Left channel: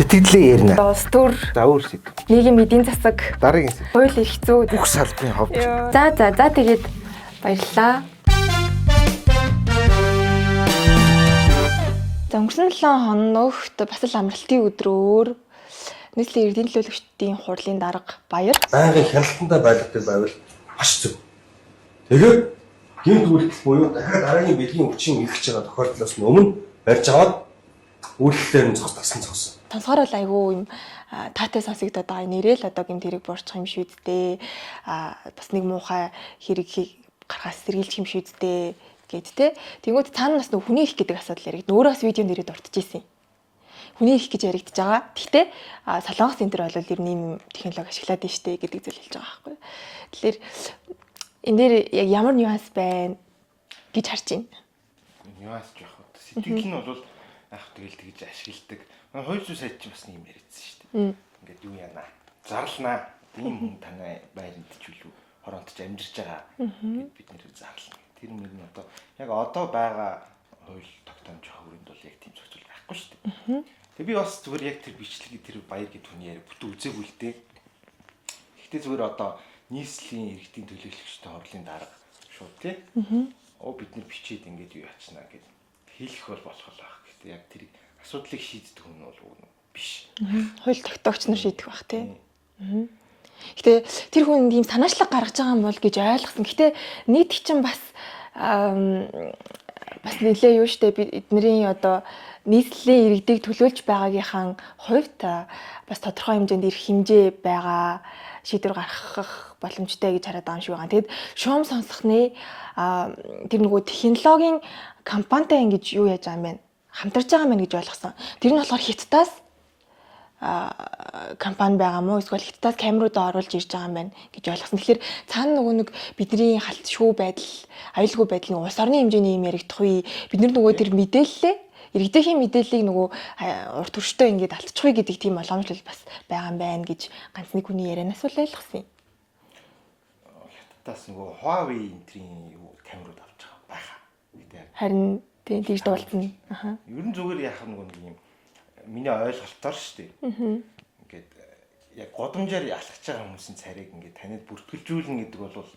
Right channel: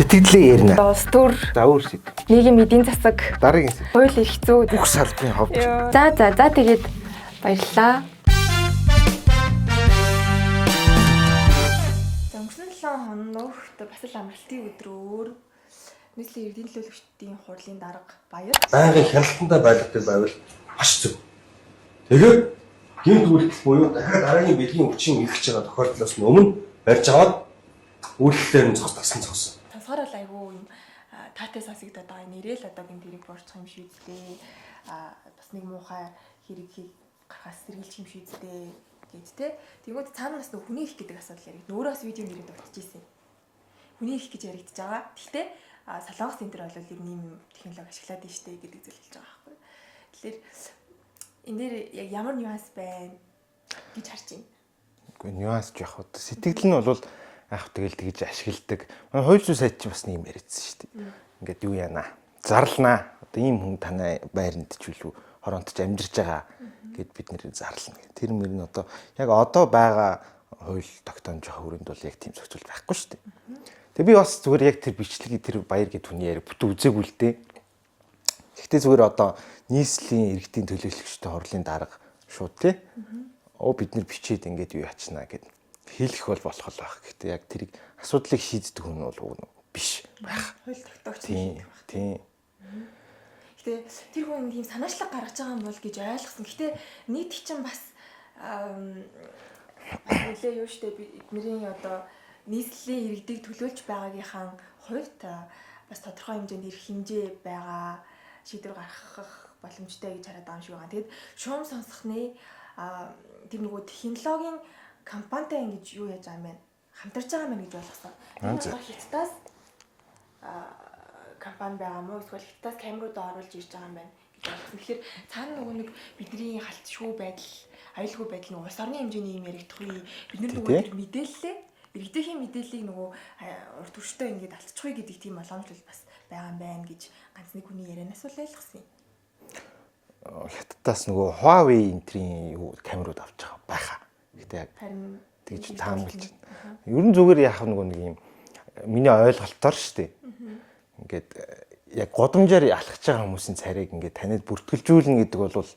Сэтгэлээ ярина. Улс төр, За өөр сэтгэл. нийгмийн эдийн засаг, Дараагийн сэтгэл. хууль эрх зүй. Бүх салбарын ховд. За тэгээд баярлалаа. За өнгөрсөн 7 хоногт бас л амралтын өдрөөр нийслэлийн иргэдийн төлөөлөгчдийн хурлын дарга Баяр байнгын хяналтандаа байлгадаг байвал маш зөв. Тэгээд гэмт үйлдэл буюу дахиад дараагийн бэлгийн хүчин ихэж байгаа тохиолдлоос өмнө барьж аваад үйлдэлээр нь цогцолсон. сонсохоор бол айгүй юм таатай сонсогдоод байгаа нэрэл одоо гэмт хэрэг буурчих юм шүү дээ. Бас нэг муухай хэрэг гаргаас сэргийлчих юм шүү дээ гэд тэ. Тэнгүүд цаана бас нөх хүний их гэдэг асуудал яригд. Өөрөө бас видео нэрээ дурдчихжээ. Хүний их гэж яригдж байгаа. Гэхдээ Солонгос энэ төр бол ер нь ийм технологи ашиглаад байна штэ гэдэг зүйл хэлж байгаа байхгүй. Тэгэхээр энэ дээр яг ямар нюанс байна гэж харж байна. Үгүй нюанс жоох уу. Сэтгэл нь бол яг тэгэл тэгж ашигладаг. Хууль зүйн сайд чи бас нэг юм яриадсан шүү дээ. Ингээд юу яана. Зарлнаа. Одоо ийм хүн танай байранд ч үлээ хоронт ч амьдарч байгаа гэд бид нэр зарлна. Тэр мөр нь одоо яг одоо байгаа хууль тогтоомж байгаа хүрээнд бол яг тийм зохицуул байхгүй шүү дээ. Тэгээ би бас зүгээр яг тэр бичлэгийг тэр Баяр гэд хүний яриа бүтэн үзээгүй л дээ. Гэхдээ зүгээр одоо нийслэлийн иргэдийн төлөөлөгчтэй хурлын дарга шууд тий. Бид нар бичээд ингээд юу ячнаа гэд хэлэх бол болох л байх. Гэхдээ яг тэрийг асуудлыг шийддэг хүн бол биш. Хууль тогтоогч нар шийдэх байх тий. Гэтэ тэр хүн ийм санаачлаг гаргаж байгаа юм бол гэж ойлгосон. Гэтэ нийт чинь бас нэлээ юу штэ бидний одоо нийслэлийн иргэдийг төлөөлж байгаагийнхаа хувьд бас тодорхой хэмжээнд ирэх хэмжээ байгаа шийдвэр гаргах боломжтой гэж хараад байгаа юм шиг байна. Тэгэд шуум сонсохны тэр нөгөө технологийн компанитай ингэж юу яаж байгаа юм бэ? Хамтарч байгаа юм гэж ойлгосон. Тэр нь болохоор Хятадаас компани байгаа мó эсвэл Хятадаас камеруудаа оруулж ирж байгаа юм байна гэж ойлгосон. Тэгэхээр цаана нөгөө нэг бидний халтшгүй байдал, аюулгүй байдал нь улс орны хэмжээний юм яригдах үе бид нөгөө тэр мэдээллээ иргэдийн мэдээллийг нөгөө урт төрштэй ингээд алдчихгүй гэдэг тийм боломжлол бас байгаа юм байна гэж ганц нэг хүний ярианаас л ойлгосон юм. Хятадаас нөгөө Huawei энтрийн камерууд авч байгаа байхаа. Гэтэ яг харин тийм тийш дуулна. Ер нь зүгээр яах нөгөө нэг юм миний ойлголтоор шүү дээ. Ингээд яг годамжаар алхаж байгаа хүмүүсийн царайг ингээд танид бүртгэлжүүлнэ гэдэг бол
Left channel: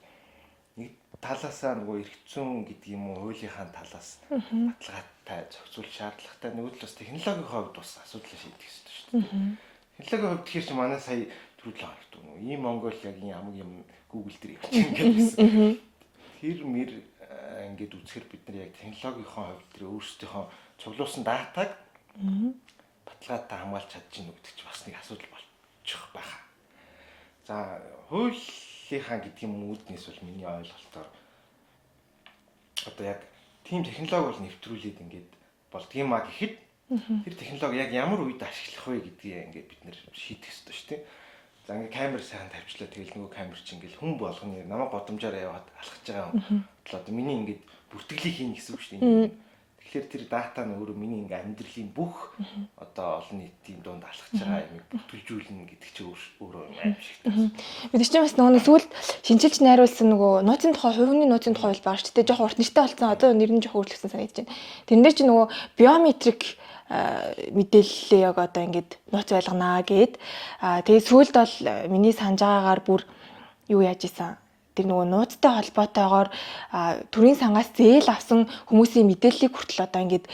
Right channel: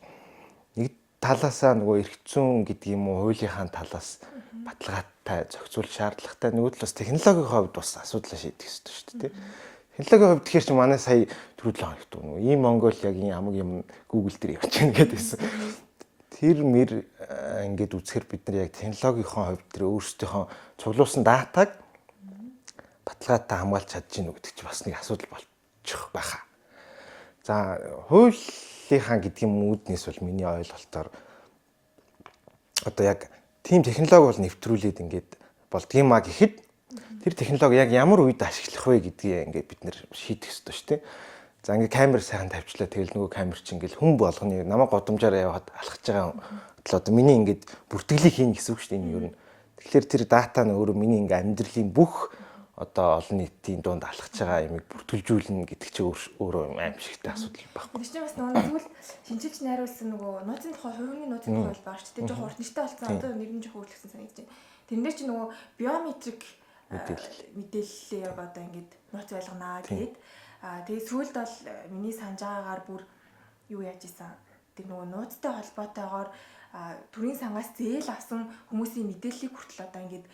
нэг талаасаа нөгөө эрх зүйн гэдэг юм уу хуулийнхаа талаас баталгаатай зохицуул шаардлагатай нөгөө талаас технологийн хувьд бас асуудлаа шийдэх ёстой шүү дээ. Технологийн хувьд тэгэхээр чи манай сая төрүүлээ хоногт нөгөө ийм Монгол яг ийм амаг юм Google дээр явж ингээд байсан. Тэр мэр ингээд үзэхэр бид нар яг технологийнхаа хувьд тэр өөрсдийнхөө цуглуулсан датаг баталгаатай хамгаалж чадчих нү гэдэг чи бас нэг асуудал болчих байхаа. За хуулийнхаа гэдэг юм үүднээс бол миний ойлголтоор одоо яг тийм технологи бол нэвтрүүлээд ингээд болдгийм а гэхэд тэр технологи яг ямар үед ашиглах вэ гэдгийг ингээд бид нэр шийдэх ёстой шүү дээ. За ингээд камер сайхан тавьчлаа тэгэл нөгөө камер чи ингээд хүн болгоны намайг годамжаар яваад алхаж байгаа бол одоо миний ингээд бүртгэлийг хийнэ гэсэн үг шүү дээ. Тэгэхээр тэр дата нь өөрөө миний ингээм амьдралын бүх одоо олон нийтийн дунд алхаж байгаа юмыг бүртгэлжүүлнэ гэдэг чинь өөрөө аимшигтай асуудал. Бид чинь бас нөгөө зүйлд шинжилж найруулсан нөгөө нууцын тухай хувийн нууцын тухай бол байгаа шүү дээ. Жохон урт нэртэй болсон одоо нэр нь жохон өөрчлөгдсөн санагдаж байна. Тэрэн дээр чинь нөгөө биометрик мэдээллээ яг одоо ингээд нууц байлганаа гэд. Тэгээд сүүлд бол миний санаж байгаагаар бүр юу яаж исэн тэр нөгөө нууцтай холбоотойгоор төрийн сангаас зээл авсан хүмүүсийн мэдээллийг хүртэл одоо ингээд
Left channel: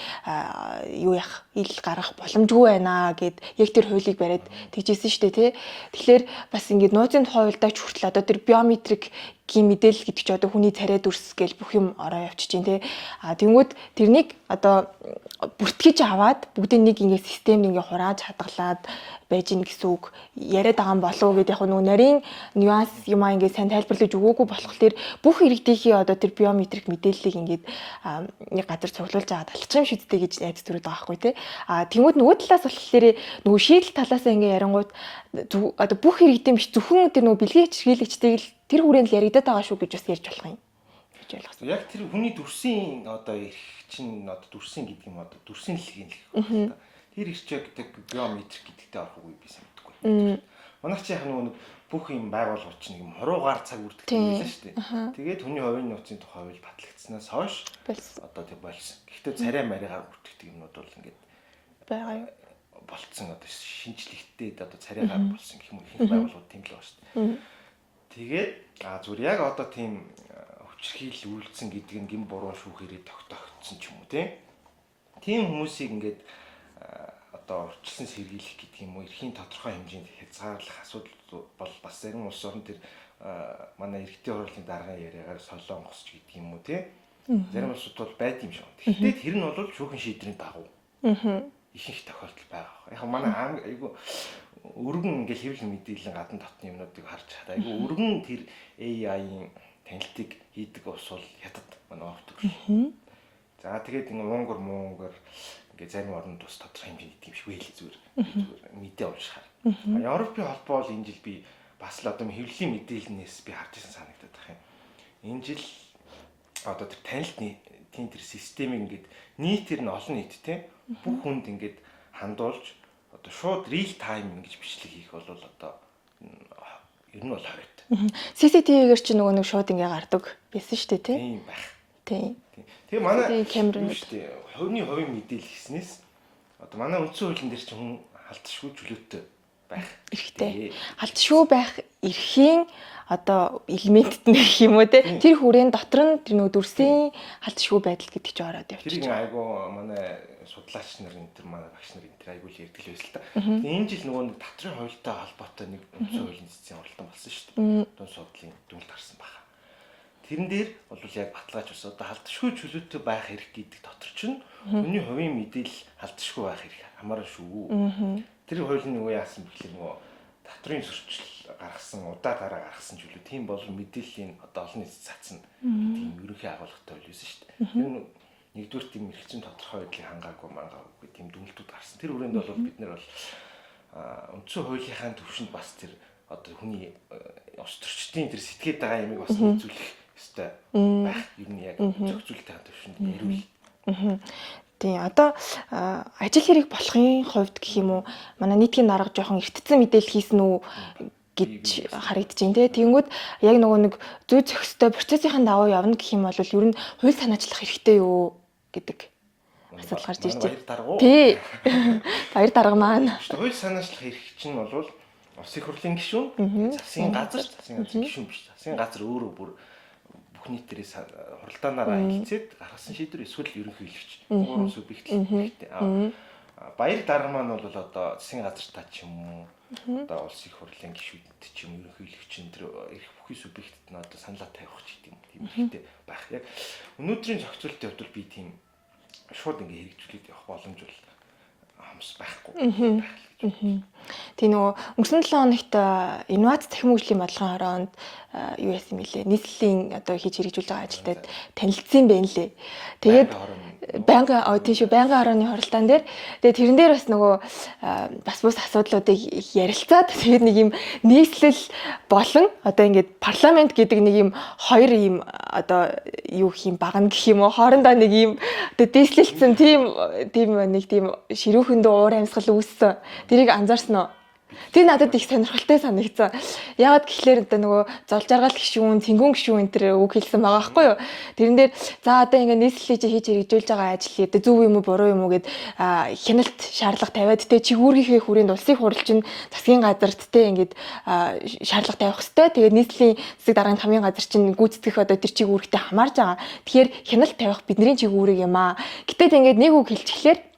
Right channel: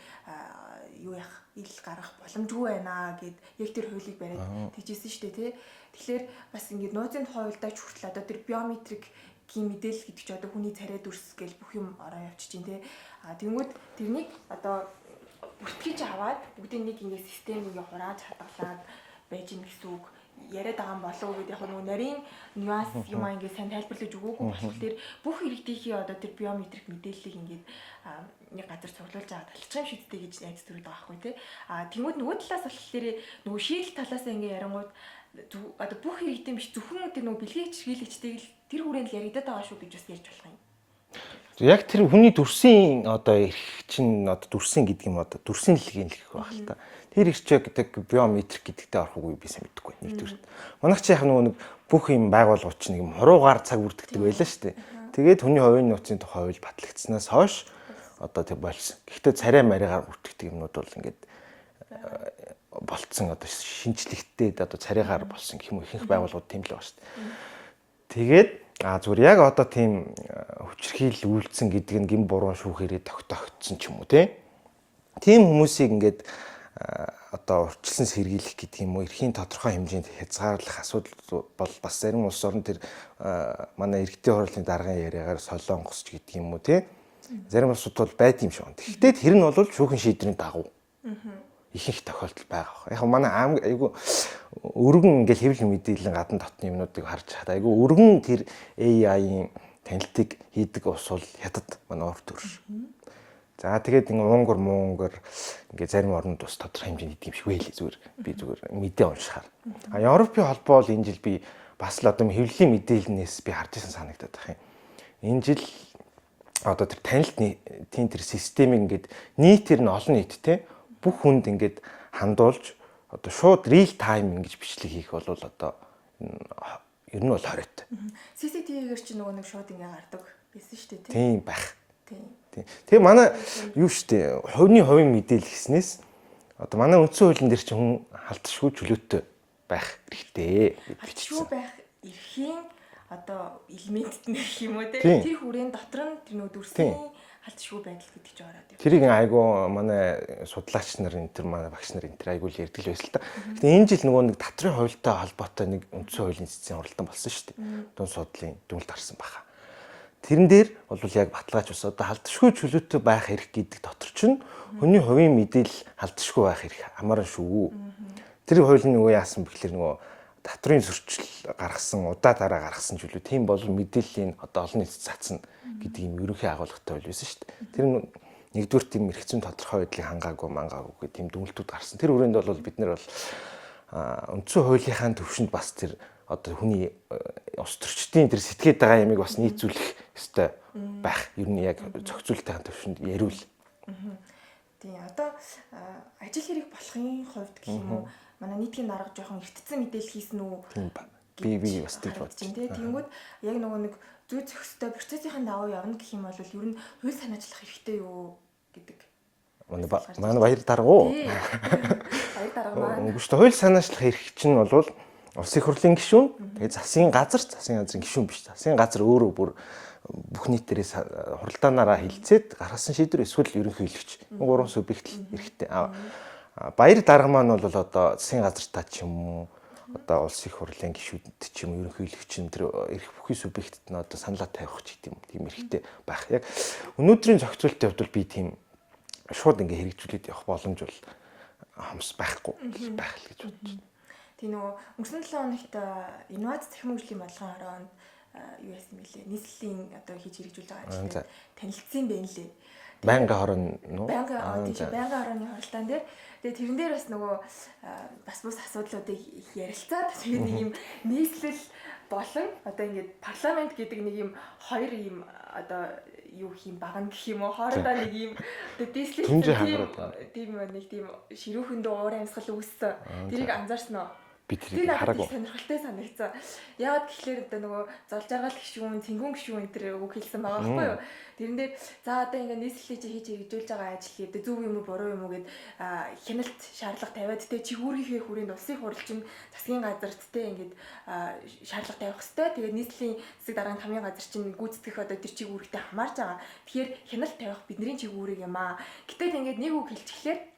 юу яах ил гаргах боломжгүй байна гэд яг тэр хуулийг бариад тэгжсэн шүү дээ тий. Тэгэхээр бас ингээд нууцын тухай хуульдаач хүртэл одоо тэр биометрик гийн мэдээлэл гэдэг чинь одоо хүний царай дүрс гэл бүх юм ороо явчих чинь тий. Тэнгүүд тэрнийг одоо бүртгэж аваад бүгдийг нэг ингээд системд ингээд хурааж хадгалаад байж гин гэсэн үг яриад байгаа юм болов уу гэдэг яг нөгөө нарийн нюанс юм аа ингээд сайн тайлбарлаж өгөөгүй болох тэр бүх иргэдийнхээ одоо тэр биометрик мэдээллийг ингээд нэг газар цуглуулж аваад алхах юм шүдтэй гэж найз төрөд байгаа байхгүй тий. Тэнгүүд нөгөө талаас болохоор нөгөө шийдэл талаасаа ингээд ярингууд одоо бүх иргэдийн биш зөвхөн тэр нөгөө бэлгийн хичээлэгчтэйг л тэр хүрээнд л яригадаад байгаа шүү гэж бас ярьж болох юм. Яг тэр хүний дүрсийн одоо эрх чинь одоо дүрсийн гэдэг юм одоо дүрсийн дэлхийн л гэх байна. Тэр ирчээ гэдэг биометрик гэдэгтэй орох үгүй би сайн мэдэхгүй. Манайх чи яг нөгөө нэг бүх юм байгууллагууд чинь нэг юм хуруугаар цаг үрдэгтэй байлаа шүү дээ. Тэгээд хүний хувийн нууцын тухай хууль батлагдсанаас хойш одоо тэг болсон. Гэхдээ царай маригаар үрдэгдэг юмнууд бол ингээд болцсон одоо шинжлэхтэй одоо царайгаар болсон гэх юм уу ихэнх байгууллагууд тийм л байгаа шүү дээ. Тэгээд зүгээр яг одоо тийм хүчирхийлэл үйлдсэн гэдэг нь гин буруу шүүхээрээ тогтоогдсон ч юм уу тийм хүмүүсийг ингээд одоо урьдчилан сэргийлэх гэдэг юм уу эрхийн тодорхой хэмжээнд хязгаарлах асуудал бол бас зарим улс орн тэр манай иргэдийн хурлын даргын яриагаар солонгос ч гэдэг юм уу зарим улсууд бол байд юм шиг байна. Гэхдээ тэр нь бол шүүхэн шийдвэрийн дагуу ихэнх тохиолдол байгаа. Яг манай айгу өргөн ингээл хэвлэл мэдээллийн гадна дотны юмнуудыг харж хаад айгу өргөн тэр AI-ийн танилтыг хийдэг ус бол хятад манай урд төрш. За тэгээд ингээ Монгор ингээ зарим орнууд бас тодорхой хэмжээний идэв шиг байлээ зүгээр. Би зүгээр мэдээ уншихаар. Европын холбоо бол энэ жил би бас л одоо хэвлэлийн мэдээлэлнээс би харж ирсэн санагдаад байна. Энэ жил одоо тэр танилтны тийм тэр системийг ингээд нийтээр нь олон нийттэй бүх хүнд ингээд хандуулж одоо шууд real time ингэж бичлэг хийх бол одоо ер нь бол хориот. CCTV-гээр чи нөгөө нэг шууд ингээ гардаг байсан шүү дээ тийм байх. Тийм. Тэгээ манай юу шүү дээ хувийн мэдээлэл гэснээс одоо манай үндсэн хуулийн дээр чи хүн халтшгүй чөлөөтэй байх хэрэгтэй. Халтшгүй байх эрхийн одоо элементд нэг юм уу те тэр хүрээнд дотор нь тэр нөгөө дүрсийн халтшгүй байдал гэдэг чинь ороод явчих. Тэрийг айгу манай судлаач нар энэ тэр манай багш нар энэ тэр айгу л ярьдаг л байсан л та. Тэгээ энэ жил нөгөө нэг татрын хуультай холбоотой нэг үндсэн хуулийн цэцгийн уралдаан болсон шүү дээ. Дунд судлалын дүгнэлт гарсан баха. Тэрэн дээр бол яг баталгааж ус одоо халтшгүй чөлөөтэй байх хэрэг гэдэг дотор чинь хүний хувийн мэдээлэл халтшгүй байх хэрэг амаран шүү. Тэр хуулийн нөгөө яасан бэхлээр нөгөө татрын зөрчил гаргасан удаа дараа гаргасан чөлөө тийм бол мэдээллийн одоо олон нийтэд цацна гэдэг юм ерөнхий агуулгатай байл байсан шүү дээ. Тэр нэгдүгээр тийм эргэцэн тодорхой байдлыг хангаагүй мангаагүй гэх тийм дүгнэлтүүд гарсан. Тэр хүрээнд бол бид нар бол үндсэн хуулийнхаа төвшөнд бас тэр одоо хүний ус төрчдийн тэр сэтгэхэд байгаа ямиг бас нийцүүлэх ёстой байх. Ер нь яг зохицуулалтын төвшөнд яриул. Тийм одоо ажил хэрэг болохын хувьд гэх юм уу манай нийтгийн дарга жоохон эртцэн мэдээлэл хийсэн үү гэж харагдаж байна те. Тэгэнгүүт яг нөгөө нэг зүй зохистой процессын давуу явна гэх юм бол ер нь хууль санаачлах хэрэгтэй юу гэдэг. Манай баяр дарга уу? Тий. Баяр дарга маань. Хууль санаачлах эрх чинь бол улсын хурлын гишүүн, тэгээ засгийн газрын гишүүн биш. Засгийн газар өөрөө бүр бүх нийтээрээ хуралдаанаараа хэлцээд гаргасан шийдвэр эсвэл ерөнхий хэлэгч. Гурван субъект хэрэгтэй. Баяр дарга маань бол одоо засгийн газартаа ч юм уу одоо улсын хурлын гишүүдэд ч юм ерөнхий хэлэгч тэр эрх бүхий субъектэд нь одоо саналаа тавих ч гэдэм тийм хэрэгтэй байх. Яг өнөөдрийн зохицуулалтын хувьд би тийм шууд ингээ хэрэгжүүлээд явах боломж бол хамс байхгүй байх л гэж бодож. Тийм нөгөө өнгөрсөн 7 хоногт инновац цахим хөгжлийн бодлогын хороонд юу яасан мэлээ нийслэлийн одоо хийж хэрэгжүүлж байгаа ажилтнууд танилцсан байна лээ. Тэгээд байнгын хорооны хоролтоон дээр тэгээд тэрэн дээр бас нөгөө бас бус асуудлуудыг ярилцаад тэгээд нэг юм нийслэл болон одоо ингээд парламент гэдэг нэг юм хоёр юм одоо юу гэх юм багна гэх юм уу хоорондоо нэг юм одоо дийслэлсэн тийм нэг тийм ширүүхэндөө уур амьсгал үүссэн. Тэрийг анзаарсан уу? Тэр надад их сонирхолтой санагдсан. Яагаад гэхлээр одоо нөгөө зол жаргал гишүүн, цэнгүүн гишүүн энэ төр үг хэлсэн байгаа байхгүй юу? Тэрэн дээр за одоо ингээд нийслэлийг хийж хэрэгжүүлж байгаа ажил одоо зөв юм уу буруу юм уу гэд хяналт шаардлага тавиад тэ чигүүргийнхээ хүрээнд улсын хурал чинь засгийн газарт тэ ингээд шаардлага тавих хэвээр. Тэгээд нийслэлийн засаг дарганы хамгийн газар чинь гүйцэтгэх одоо тэр чигүүргтэй хамаарж байгаа. Тэгэхээр хяналт тавих бидний чигүүрэг юм аа. Гэтэл ингээд нэг үг хэлчихлээр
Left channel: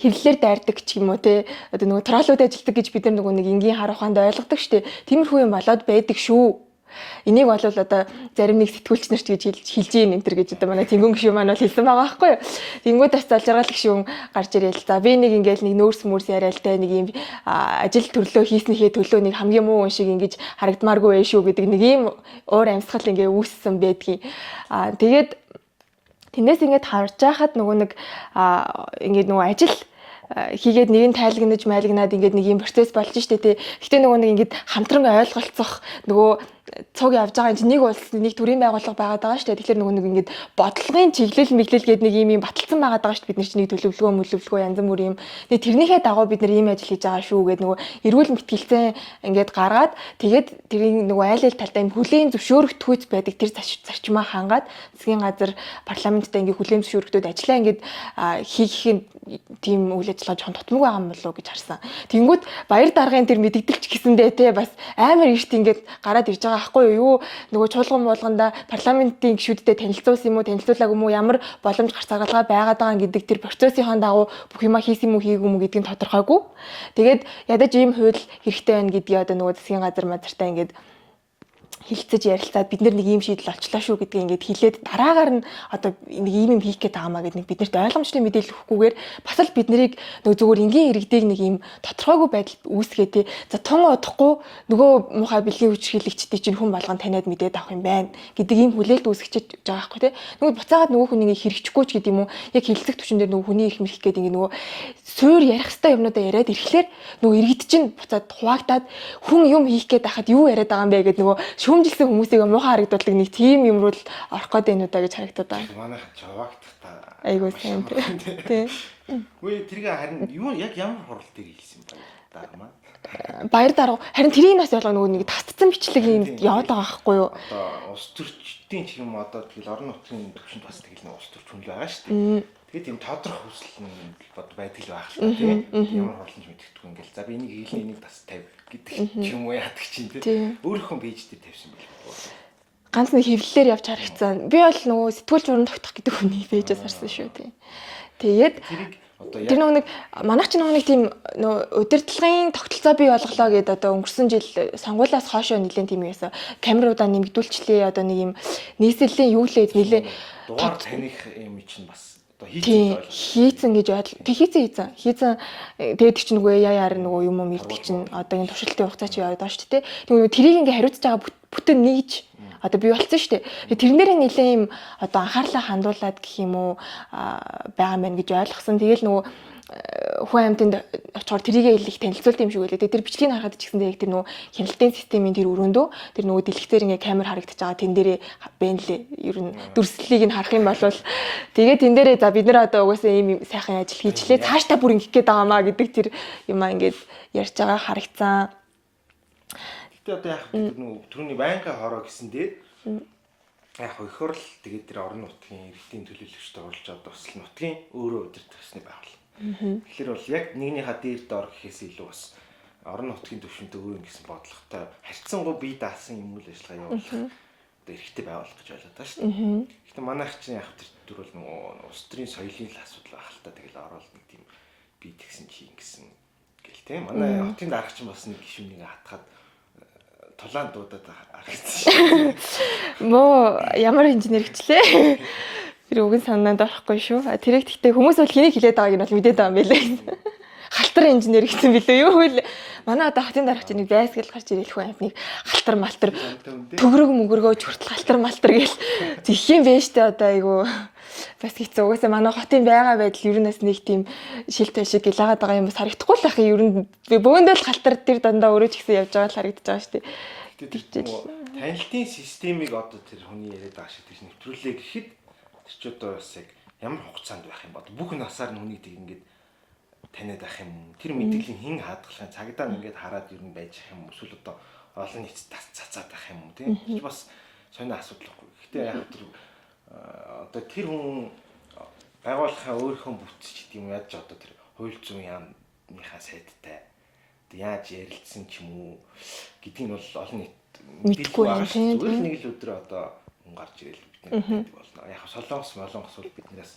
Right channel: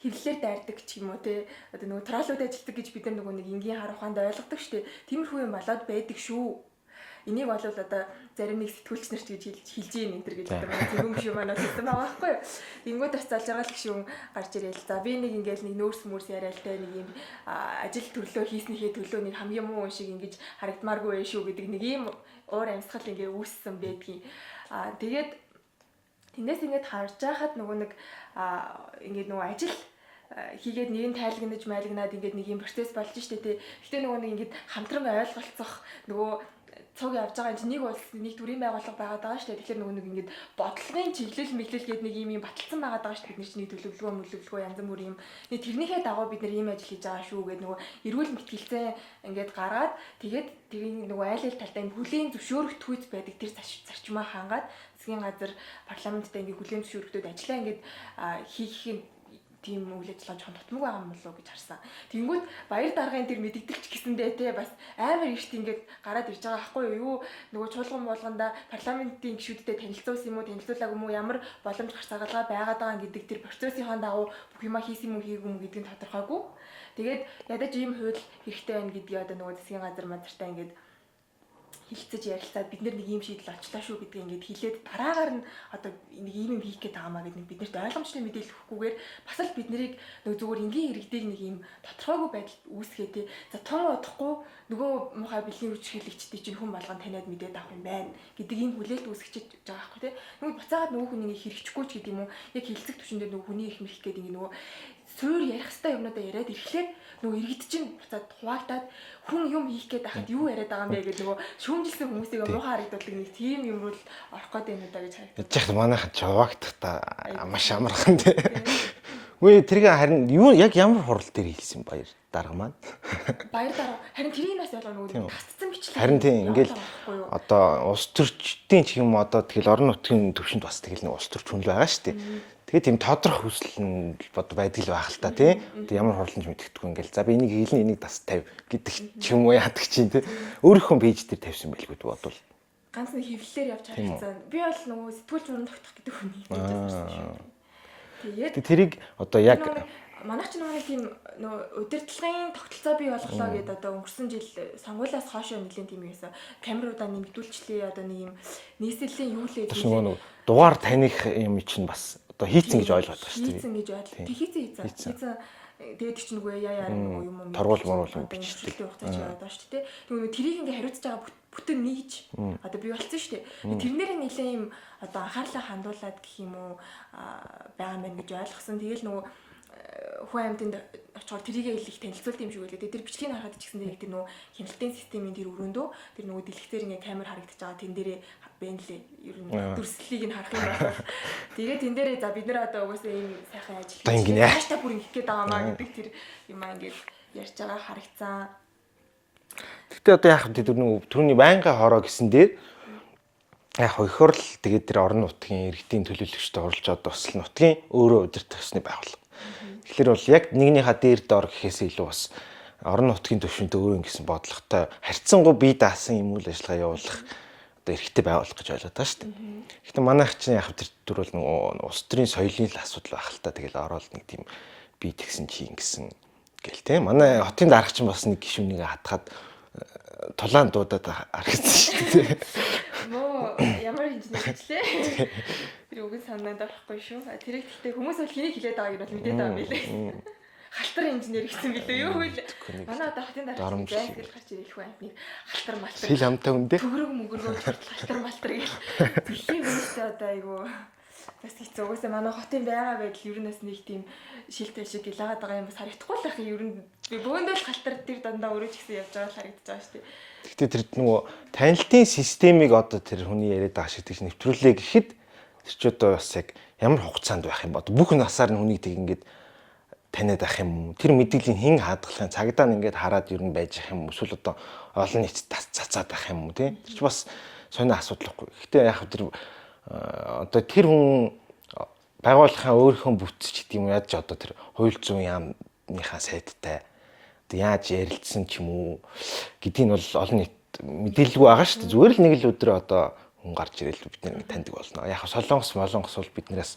хэвлэлээр дайрдаг ч юм уу те одоо нөгөө троллууд ажилтдаг гэж бид нар нөгөө нэг энгийн хар ухаанд ойлгодог штэ. Тиймэрхүү юм болоод байдаг шүү. Энийг бол одоо зарим нэг сэтгүүлч нарт гэж хэлж ийн энэ төр гэж одоо манай тэнгүүн гişүүн маань бол хэлсэн байгаа байхгүй юу. Тэнгүүд бас зол жаргал гişүүн гарч ирээл. За би нэг ингээл нэг нөөс мөрс яриалтай нэг юм ажил төрлөө хийснийхээ төлөө нэг хамгийн муу хүн шиг ингэж харагдмааргүй байх шүү гэдэг нэг юм уур амьсгал ингээ үүссэн байдгийг. Тэгээд Тэндээс ингээд харж байхад нөгөө нэг ингээд нөгөө ажил хийгээд нэг нь тайлагнаж майлгнаад ингээд нэг юм процесс болж штэ тий. Гэтэ нөгөө нэг ингээд хамтран ойлголцох нөгөө цуг явж байгаа юм чи нэг улс нэг төрийн байгууллага байгаад байгаа шүү дээ. Тэгэхээр нөгөө нэг ингээд бодлогын чиглэл мэглэл гэдэг нэг юм баталсан байгаад байгаа шүү дээ. Бид нар чинь нэг төлөвлөгөө янз бүр юм. Тэгээ тэрнийхээ дагуу бид нар ийм ажил хийж байгаа шүү гэдэг нөгөө эрүүл мэтгэлцээ ингээд гаргаад тэгээд тэрийн нөгөө айл талдаа юм хүлээн зөвшөөрөгдөхүйц байдаг тэр зарчмаа хангаад засгийн газар парламенттай ингээд хүлээн зөвшөөрөгдөд ажиллаа ингээд хийх тийм үйл ажиллагаа жоохон тутмаг байгаа юм болов уу гэж харсан. Тэнгүүд баяр даргын тэр мэддэгдэлч гэсэндээ те бас амар эрт ингээд гараад ирж байгаа байхгүй юу? Нөгөө чуулган болгонда парламентын гишүүдтэй танилцуулсан юм уу, танилцуулаагүй юм уу, ямар боломж гарц аргалгаа байгаад байгаа гэдэг тэр процессын дагуу бүх юма хийсэн юм уу, хийгээгүй юм уу гэдгийг тодорхойгүй. Тэгээд ядаж ийм хууль хэрэгтэй байна гэдгийг одоо нөгөө засгийн газар мазартаа ингээд хилцэж ярилцаад бид нэг ийм шийдэл олчлаа шүү гэдгийг ингээд хэлээд дараагаар нь одоо нэг ийм юм хийх гээд байгаа маа гэдэг нэг биднэрт ойлгомжтой мэдээлэл өгөхгүйгээр бас л бид нарыг нөгөө зүгээр энгийн иргэдэг нэг ийм тодорхойгүй байдал үүсгээ тий. За тун удахгүй нөгөө муухай бэлгийн хүч хилэгчдийн чинь хүн болгон таниад мэдээд авах юм байна гэдэг ийм хүлээлт үүсгэж байгаа байхгүй тий. Нөгөө буцаагаад нөгөө хүнийг хэрэгжихгүй ч гэдэг юм уу яг хилцэх түвшин дээр нөгөө хүний их мэрх гэдэг ингээд нөгөө суур ярих хэвээр юмнуудаа яриад ирэхлээр нөгөө иргэд чинь буцаад хуваагдаад хүн юм хийх гээд байхад юу яриад байгаа юм бэ гэдэг нөгөө шүүмжилсэн хүмүүсийг муухай харагдуулдаг нэг тийм юм руу л орох гээд байна уу да гэж харагдаад байна. Яг манайхан жаваагдах та маш амархан тий. Үгүй тэрийг харин юу яг ямар хурал дээр хийсэн баяр дарга маань. Баяр дарга харин тэрийг нас ялгаа нөгөө нэг тасцсан бичлэг юм яваад байгаа байхгүй юу? Одоо улс төрчдийн ч юм одоо тэгэл орон нутгийн төвшөнд бас тэгэл нэг улс төрч хүн л байгаа шүү дээ. Тэгээ тийм тодрох хүсэл нь бод байдаг л байх л та тий. Ямар хурланч мэддэхгүй ингээл за би энийг хийлэн энийг тас тавь гэдэг ч юм уу яадаг чинь тий. Өөрийнхөө пэйж дээр тавьсан байлгүй бодвол. Ганц нэг хэвлэлээр явж харагдсан. Би бол нөгөө сэтгүүл журам тогтох гэдэг хүний пэйжээс харсан шүү тий. Тэгээд тэрийг одоо яг тэр нэг манайх ч нэг тийм удирдлагын тогтолцоо бий болголоо гэдэг одоо өнгөрсөн жил сонгуулиас хоошоо нэлээд тийм байсан. Камеруудаа нэмэгдүүлчлээ одоо нэг юм нийслэлийн юу лээд нэлээ дугаар таних юм чинь бас одоо хийцэн гэж ойлгож байна. Хийцэн гэж бодлоо. Тэг хийцэн. Тэгээд чи нөгөө яар нөгөө юм уу мэдчихсэн. Одоо энэ туршилтын хугацаа чи яваад байгаа шүү дээ. Тэг тэрийг ингээ хариуцж байгаа бүтэн нэгж одоо бий болсон шүү дээ. Тэрнэрээ нэлээ юм одоо анхаарлаа хандуулад гэх юм уу байгаа мэн гэж ойлгосон. Тэгэл нөгөө хүн амьтанд очихоор тэрийгээ их танилцуулт юм шиг байлаа. Тэр бичлэгийг харахад ч гэсэндээ яг тэр нөгөө хяналтын системийн тэр өрөөндөө тэр нөгөө дэлгэцээр ингээ камер харагдаж байгаа тэн дээрээ бэнлээ. Ер нь дүрслэлийг нь харах юм бол тэгээ тэн дээрээ за бид нар одоо угаасаа ийм сайхан ажил хийчлээ. Цаашдаа бүр ингэх гээд байгаамаа гэдэг тэр юмаа ингээд ярьж байгаа харагцсан. Гэтэ одоо яах вэ түрүүний байнгын хороо гэсэн дээр яг хойхор л тэгээд тэр орон нутгийн иргэдийн төлөөлөгчтэй оролж одоо бас нутгийн өөрөө удирдах ёсны байгууллага. Тэгэхээр бол яг нэгнийхээ дээр дор гэхээс илүү бас орон нутгийн төвшөнтэй өөрөө ингэсэн бодлоготой харьцангуй бие даасан юм үйл ажиллагаа явуулах одоо эрхтэй байгуулах гэж ойлгоод байгаа шүү дээ. Гэхдээ манайх чинь яг тэр бол нөгөө улс төрийн соёлын л асуудал байх л та тэгэл ороод нэг тийм бие тэгсэн чи ингэсэн гэл те. Манай хотын дарга чинь бас нэг гишүүнийг хатгаад тулаан дуудаад харагдсан шүү дээ. Мөө ямар инженер хчлээ. Тэр үгэн санаанд орохгүй шүү. Тэрийг гэхдээ хүмүүс бол хэнийг хилээд байгааг нь бол мэдээд байгаа юм билээ. Халтар инженер гэсэн билээ юу вэ? Манай одоо хотын дарагч нэг зайсгал гарч ирэх хүн амтныг халтар малтар төгрөг мөгрөгөөж хүртэл халтар малтар гээл зих юм байна штэ одоо айгу бас хэцүү. Угаасаа манай хотын байгаа байдал ер нь бас нэг тийм шилтэй шиг гэлаагаад байгаа юм бас харагдахгүй л ах юм. Ер нь бөөндөө л халтар тэр дандаа өөрөө ч гэсэн явж байгаа л харагдаж байгаа штэ. Гэтэ тэр нөгөө танилтын системийг одоо тэр хүний яриад байгаа шиг тийш нэвтрүүлээ гэхэд тэр ч одоо бас яг ямар хугацаанд байх юм бод бүх насаар нь хүнийг тэг ингээд таниад ах юм уу тэр мэдээллийн хэн хадгалахын цагдаа нь ингээд хараад ер нь байж ах юм эсвэл одоо олон нийт цацаад ах юм уу тийм тэр ч бас сонио асуудал байхгүй. Гэтэ яг тэр одоо тэр хүн байгууллагын өөрийнхөө бүтц ч гэдэг юм яаж одоо тэр хууль зүйн яамныхаа сайдтай яаж ярилцсан ч юм уу гэдгийг бол олон нийт мэдээлгүй байгаа шүү дээ. Зүгээр л нэг л өдөр одоо хүн гарч ирэл бид нэр таньдаг болно. Яг солонгос бол биднээс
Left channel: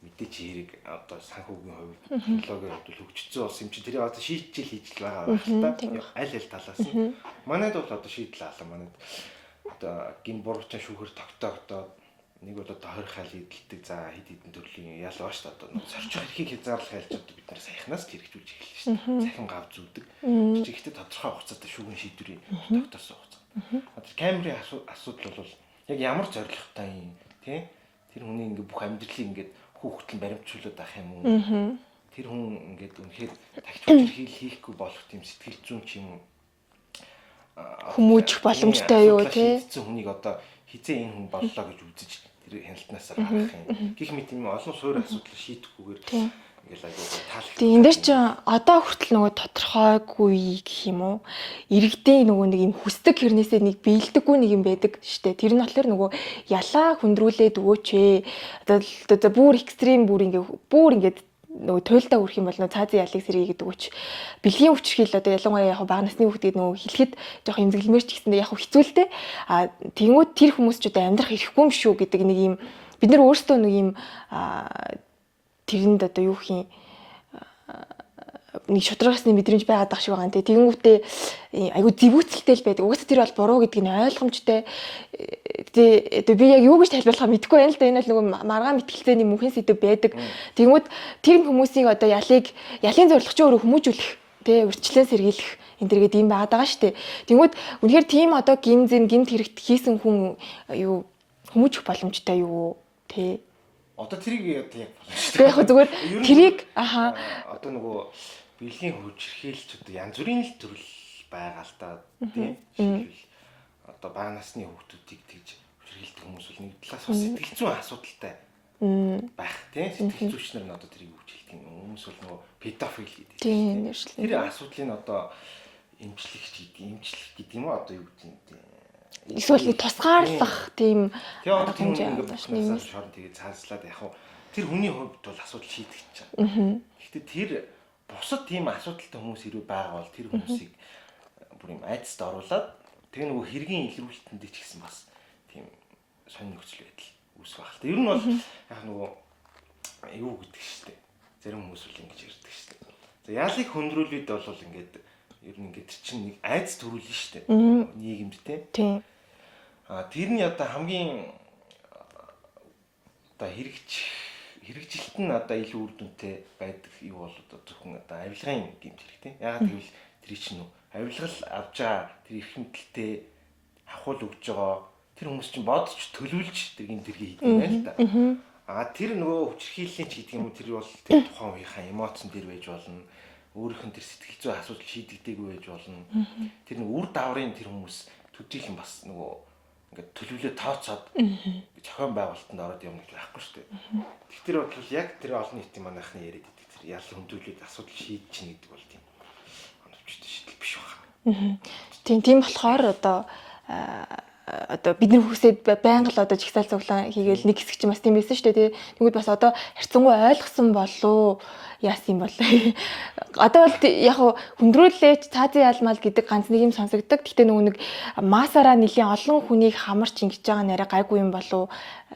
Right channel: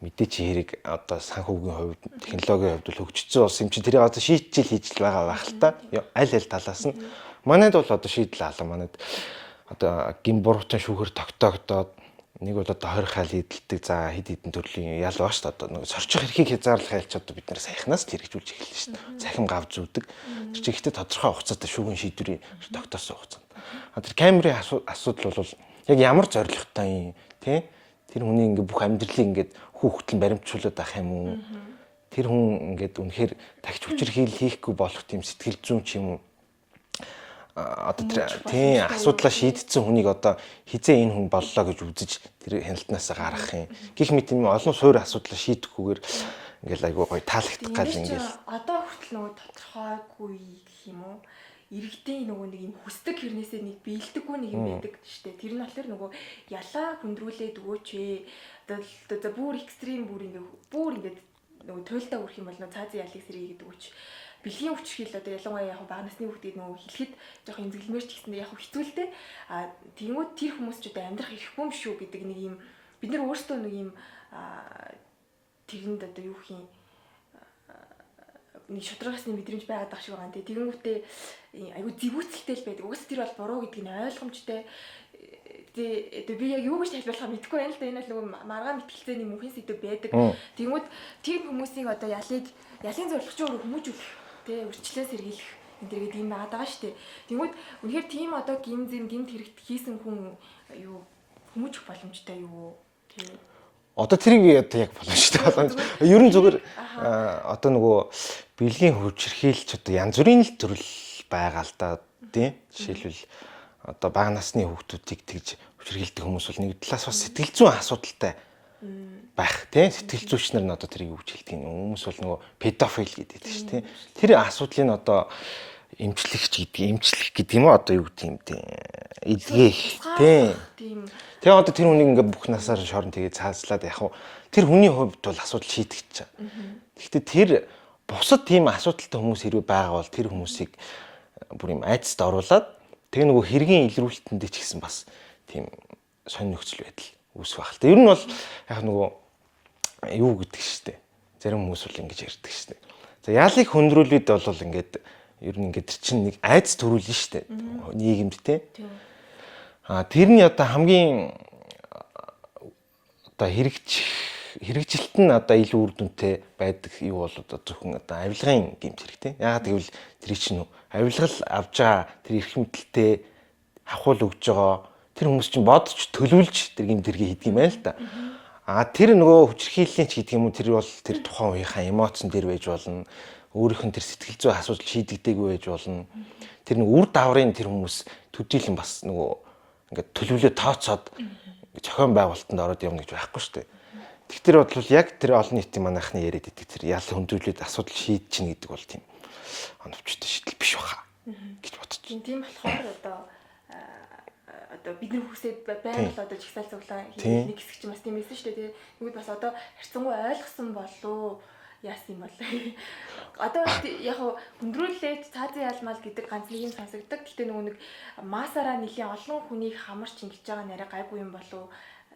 мэдээч хэрэг одоо санхүүгийн хувьд технологийн хувьд хөгжсөн улс юм чи тэрийг одоо шийдчихэл хийж л байгаа байх л та. Аль талаас нь манайд бол одоо шийдэл алга манайд одоо гин буруутай шүүхэр тогтоогдоод нэг бол одоо 20 хайл эдэлдэг за хэд хэдэн төрлийн ял баа шүү дээ. Одоо сорчих эрхийг хязгаарлах хайлч одоо бид нэр саяхнаас л хэрэгжүүлж эхэллээ шүү дээ. Захин гав зүүдэг. Тэр чинь ихтэй тодорхой хугацаатай шүүгэн шийдвэрийн тогтоосон хугацаанд. Тэр камерын асуудал бол яг ямар зорилготой юм тий? Тэр хүний ингээ бүх амьдралыг ингээ хүүхдэл баримтжуулаад ах юм уу? Тэр хүн ингээд үнэхээр тагч хүчрхийл хийхгүй болох тийм сэтгэл зүйн ч юм уу Хүмүүжих боломжтой юу, асуудлаа тий? шийдсэн хүнийг одоо хизээ энэ хүн боллоо гэж үзэж тэр хяналтнаас гаргах юм. Гэх мэт юм олон суур асуудлаа шийдэхгүйгээр ингээл айгуу гоё таалагдах. Тэгээ энэ дээр чи одоо хүртэл нөгөө тодорхойгүй гэх юм уу? Иргэдийн нөгөө нэг юм хүсдэг хэрнээсээ нэг биелдэггүй нэг юм байдаг штэ. Тэр нь болохоор нөгөө ялаа хүндрүүлээд өгөөч ээ. Одоо бүр экстрим бүр ингээд нөгөө туйлдаа үрэх юм бол нөгөө цаазын ялыг сэргий гэдэг үуч бэлгийн хүчрхийл одоо ялангуяа яг бага насны хүүхдүүд нөгөө хэлэхэд жоох эмзэглэмэр ч гэсэндээ яг хэцүүлтэй тэгмүүд тэр хүмүүс ч одоо амьдрах ирэхгүй юм шүү гэдэг нэг юм бид нар өөрсдөө нэг юм тэрэнд одоо юу хин нэг шударгасны мэдрэмж байгаад байгаа шиг байгаа нэ тэгэнгүүтээ айгу зэвүүцэлтэй л байдаг. Угаасаа тэр бол буруу гэдгийг нь ойлгомжтой. Тэгээ би яг юу гэж тайлбарлахаа мэдэхгүй байна л да. Энэ бол нөгөө маргаан мэтгэлцээний мөнхийн сэдв байдаг. Тэгмүүд тэр хүмүүсийг одоо ялын зорилго чи өөрөө хүмүүжүүлэх, тэ урьдчилан сэргийлэх энэ төргээд юм байгаад байгаа шүү дээ. Тэгмүүд үнэхээр тийм одоо гимт хэрэгт хийсэн хүн юу хүмүүжих боломжтой юу тэ одоо тэрийг одоо яг боломжтой. Яг зүгээр ер нь зүгээр одоо нөгөө бэлгийн хүчирхийлч одоо янз бүрийн л төрөл байгаа л да тийм. Жишээлбэл одоо бага насны хүүхдүүдийг тэгж хүчирхийлдэг хүмүүс бол нэг талаас бас сэтгэл зүйн асуудалтай байх тийм. Сэтгэл зүйчнэр нь одоо тэрийг үгж хэлдэг юм. Хүмүүс бол нөгөө педофил гэдэг тийм. Тэр асуудлыг одоо эмчлэх гэдэг юм уу одоо юу гэдэг юм тийм. Эсвэл тусгаарлах тийм. Тэгээ одоо тэр хүнийг ингээ бүх насаар шорон тэгээ цааслаад яг хуу тэр хүний хувьд бол асуудал шийдэгч чам. Гэхдээ тэр бусад тийм асуудалтай хүмүүс хэрвээ байгаа бол тэр хүмүүсийг бүр юм айцд оруулаад тэгээ нөгөө хэргийн илрүүлэлтэндээ ч гэсэн бас тийм сонь нөхцөл байдал үүсэх байх л та. Ер нь бол яг нөгөө юу гэдэг штеп. Зарим хүмүүс бол ингэж ярьдаг штеп. За яалыг хөндрүүлээд бол ингээд ер нь ингээд чинь нэг айц төрүүлнэ штеп. Нийгэмд те. Тийм. Тэр нь одоо хамгийн одоо хэрэгжилт нь одоо илүү үр дүнтэй байдаг юу бол одоо зөвхөн одоо авилгын гэмт хэрэгтэй. Яагаад гэвэл тэр чинь авилгал авж байгаа тэр эрх мэдэлтэй хавхуул өгж байгаа тэр хүмүүс чинь бодож төлөвлөж тэр гэмт хэрэг хийдэг юм байл та. Тэр нөгөө хүчирхийллийн ч гэдэг юм уу тэр бол тэр тухайн үеийнхаа эмоцн дээр байж болно. Өөрийнх нь тэр сэтгэл зүйн асуудал шийдэгдээгүй байж болно. Тэр нэг үр даврын тэр хүмүүс төдийлөн бас нөгөө ингээд төлөвлөө тооцоод зохион байгуулалтанд ороод явна гэж байхгүй шүү дээ. Тэгэхээр бодлол яг тэр олон нийтийн манайхны яриад идэг тэр ялын хөндрүүлээд асуудал шийдэж чинь гэдэг бол тийм оновчтой шийдэл биш баха. Тийм болохоор одоо бид нар хүсээд байнга л одоо жигсаал цуглаан хийгээл нэг хэсэг чинь бас тийм байсан шүү дээ. Тэгвэл бас одоо харьцангуй ойлгосон болов яасан юм бол одоо яг хөндрүүлээч цаазын ялмал гэдэг ганц нэг юм сонсогддог. Гэхдээ нөгөө нэг масаараа нэлийн олон хүнийг хамарч ингэж байгаа нэрэ гайгүй юм болов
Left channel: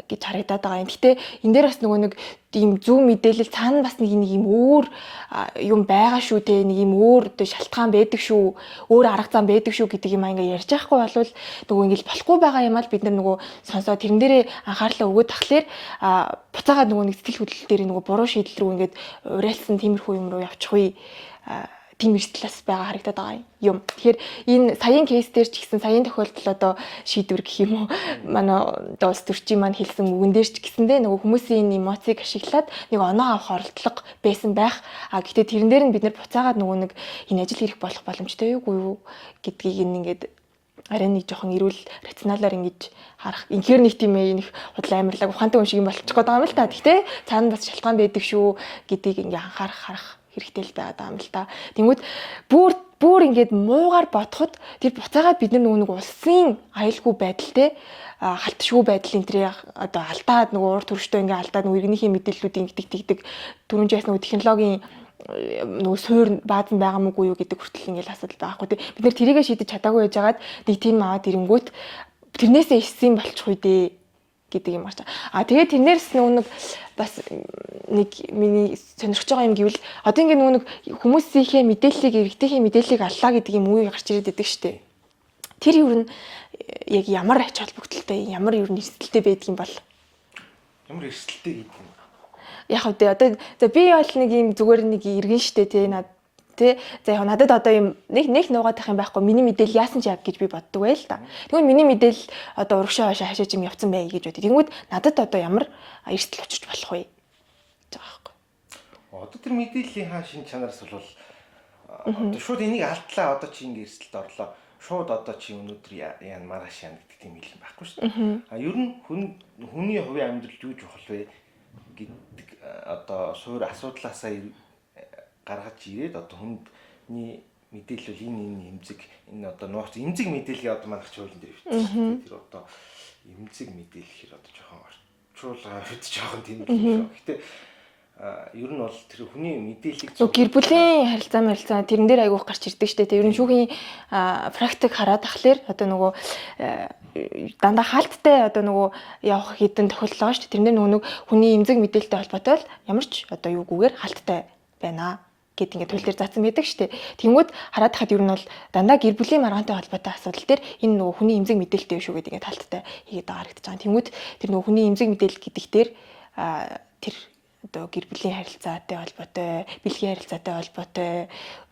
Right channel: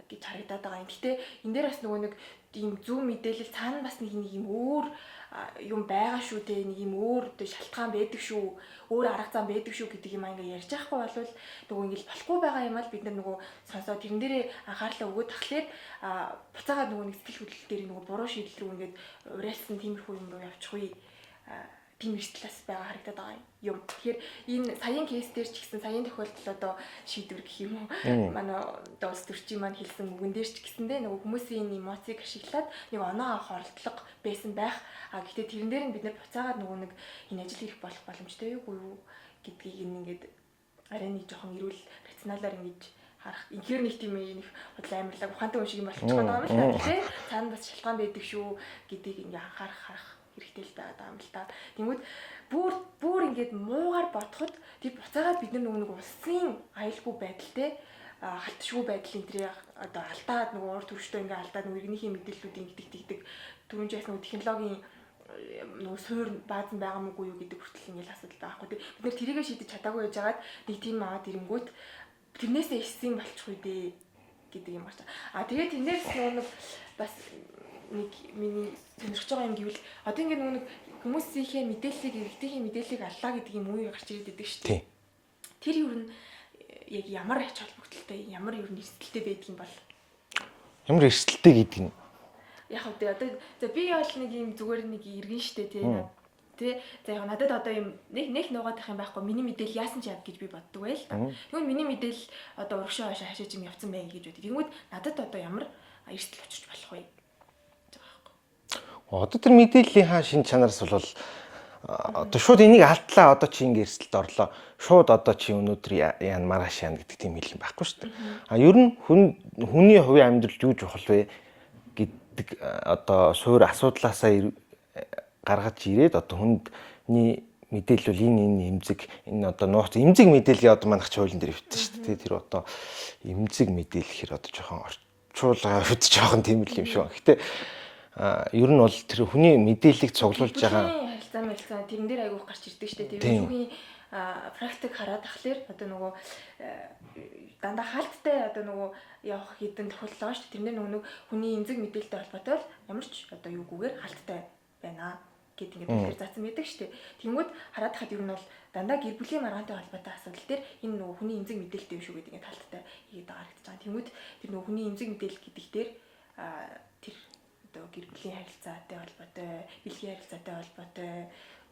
гэж харагдаад байгаа юм. Гэхдээ энэ дээр бас нөгөө нэг ийм зөв мэдээлэл цаана бас нэг юм өөр юм байгаа шүү те нэг юм өөр одоо шалтгаан байдаг шүү өөр арга зам байдаг шүү гэдэг юм ингээ ярьж байхгүй болвол нөгөө ингээл болохгүй байгаа юм аа бид нар нөгөө сонсоод тэрэн дээрээ анхаарлаа өгөөд тахлаар буцаагаад нөгөө нэг сэтгэл хөдлөл дээр нөгөө буруу шийдэл рүү ингээд уриалсан тиймэрхүү юм руу явчихгүй тийм эрсдлээс байгаа харагдаад байгаа юм. Тэгэхээр энэ саяын кейс дээр ч гэсэн саяын тохиолдол одоо шийдвэр гэх юм уу манай одоо улс төрчийн маань хэлсэн үгэн дээр ч гэсэндээ нөгөө хүмүүсийн эмоцийг ашиглаад нэг оноо авах оролдлого байсан байх. Гэхдээ тэрэн дээр нь бид нэр буцаагаад нөгөө нэг энэ ажил хийх болох боломжтой юу гэдгийг ингээд арай нэг жоохон эрүүл рационалаар ингэж харах. Инхээр нэг тийм нэг худлаа амарлаг ухаантай хүн шиг юм болчих гээд байгаа юм л та. Гэхдээ цаана бас шалтгаан байдаг шүү гэдгийг ингээ харах хэрэгтэй л байгаа юм л та. Тэнгүүд бүр ингээд муугаар бодоход тэр буцаагаад бид нар нөгөө нэг улсын аюулгүй байдалтай халтшгүй байдлын тэр одоо алдаад нөгөө урд төрөштэй ингээ алдаад нөгөө иргэнийхээ мэдээллүүдийн тэгдэг түрүүн жаас нөгөө технологийн нөгөө суур баазан байгаа мүү юу гэдэг хүртэл ингээл асуудал байхгүй тий. Бид нэр тэрийгэ шийдэж чадаагүй байжгаад нэг тийм аваад ирэнгүүт тэрнээсээ иссэн болчих үү дээ гэдэг юм ач. Тэгээд тэрнээс нэг бас нэг миний сонирхож байгаа юм гэвэл одоо ингээ нөгөө нэг хүмүүсийнхээ мэдээллийг иргэдийнхээ мэдээллийг аллаа гэдэг юм уу гарч ирээд байдаг шүү дээ. Тэр юу н яг ямар ач холбогдолтой ямар юу н эрсдэлтэй байдаг юм бол ямар эрсдэлтэй гэдэг нь яг одоо би бол нэг юм зүгээр нэг иргэн штэ тий тий за яг надад одоо юм нэг нуугаад байх юм байхгүй миний мэдээлэл яасан ч яг гэж би боддог байл та. Тэгвэл миний мэдээлэл одоо урагшаа хашаач юм явцсан бай гэж бодъё. Тэгвэл надад одоо ямар эрсдэл учирч болох вэ? Одоо тэр мэдээллийн шин чанараас бол одоо шууд энийг алдлаа одоо чи ингэ эрсдэлд орлоо. Шууд одоо чи өнөөдөр яана маргааш яана гэдэг тийм хэлэн байхгүй шүү дээ. А ер нь хүний хувийн амьдрал юу чухал вэ гэдэг одоо суур асуудлаасаа гаргаж ирээд одоо хүндний мэдээлэл бол энэ эмзэг энэ одоо нууц эмзэг мэдээлэл одоо манайх ч хуулийн дээр өвчтэй шүү дээ. Тэр одоо эмзэг мэдээлэл гэхэр одоо жоохон орчуулга өвд жоохон тийм л юм шүү. Гэхдээ ер нь бол тэр хүний мэдээллийг цуглуулж гэр бүлийн харилцаа тэрэн дээр айгүйх гарч ирдэг штэ. Тэр шүүхийн практик хараад тахлаар одоо нөгөө дандаа хаалттай одоо нөгөө явах хэдэн тохиолдол байгаа штэ. Тэрнэр нөгөө хүний эмзэг мэдээлэлтэй холбоотой бол ямар ч одоо юугүйгээр хаалттай байна гэд ингээд хууль дээр заасан байдаг штэ. Тэнгүүд хараад тахад ер нь бол дандаа гэр бүлийн маргаантай холбоотой асуудал дээр энэ нөгөө хүний эмзэг мэдээлэлтэй шүү гэдэг ингээд хаалттай хийгээд байгаа харагдаж байгаа. Тэнгүүд тэр нөгөө хүний эмзэг мэдээлэл гэдэг дээр тэр одоо гэр бүлийн харилцаатай холбоотой, бэлгийн харилцаатай холбоотой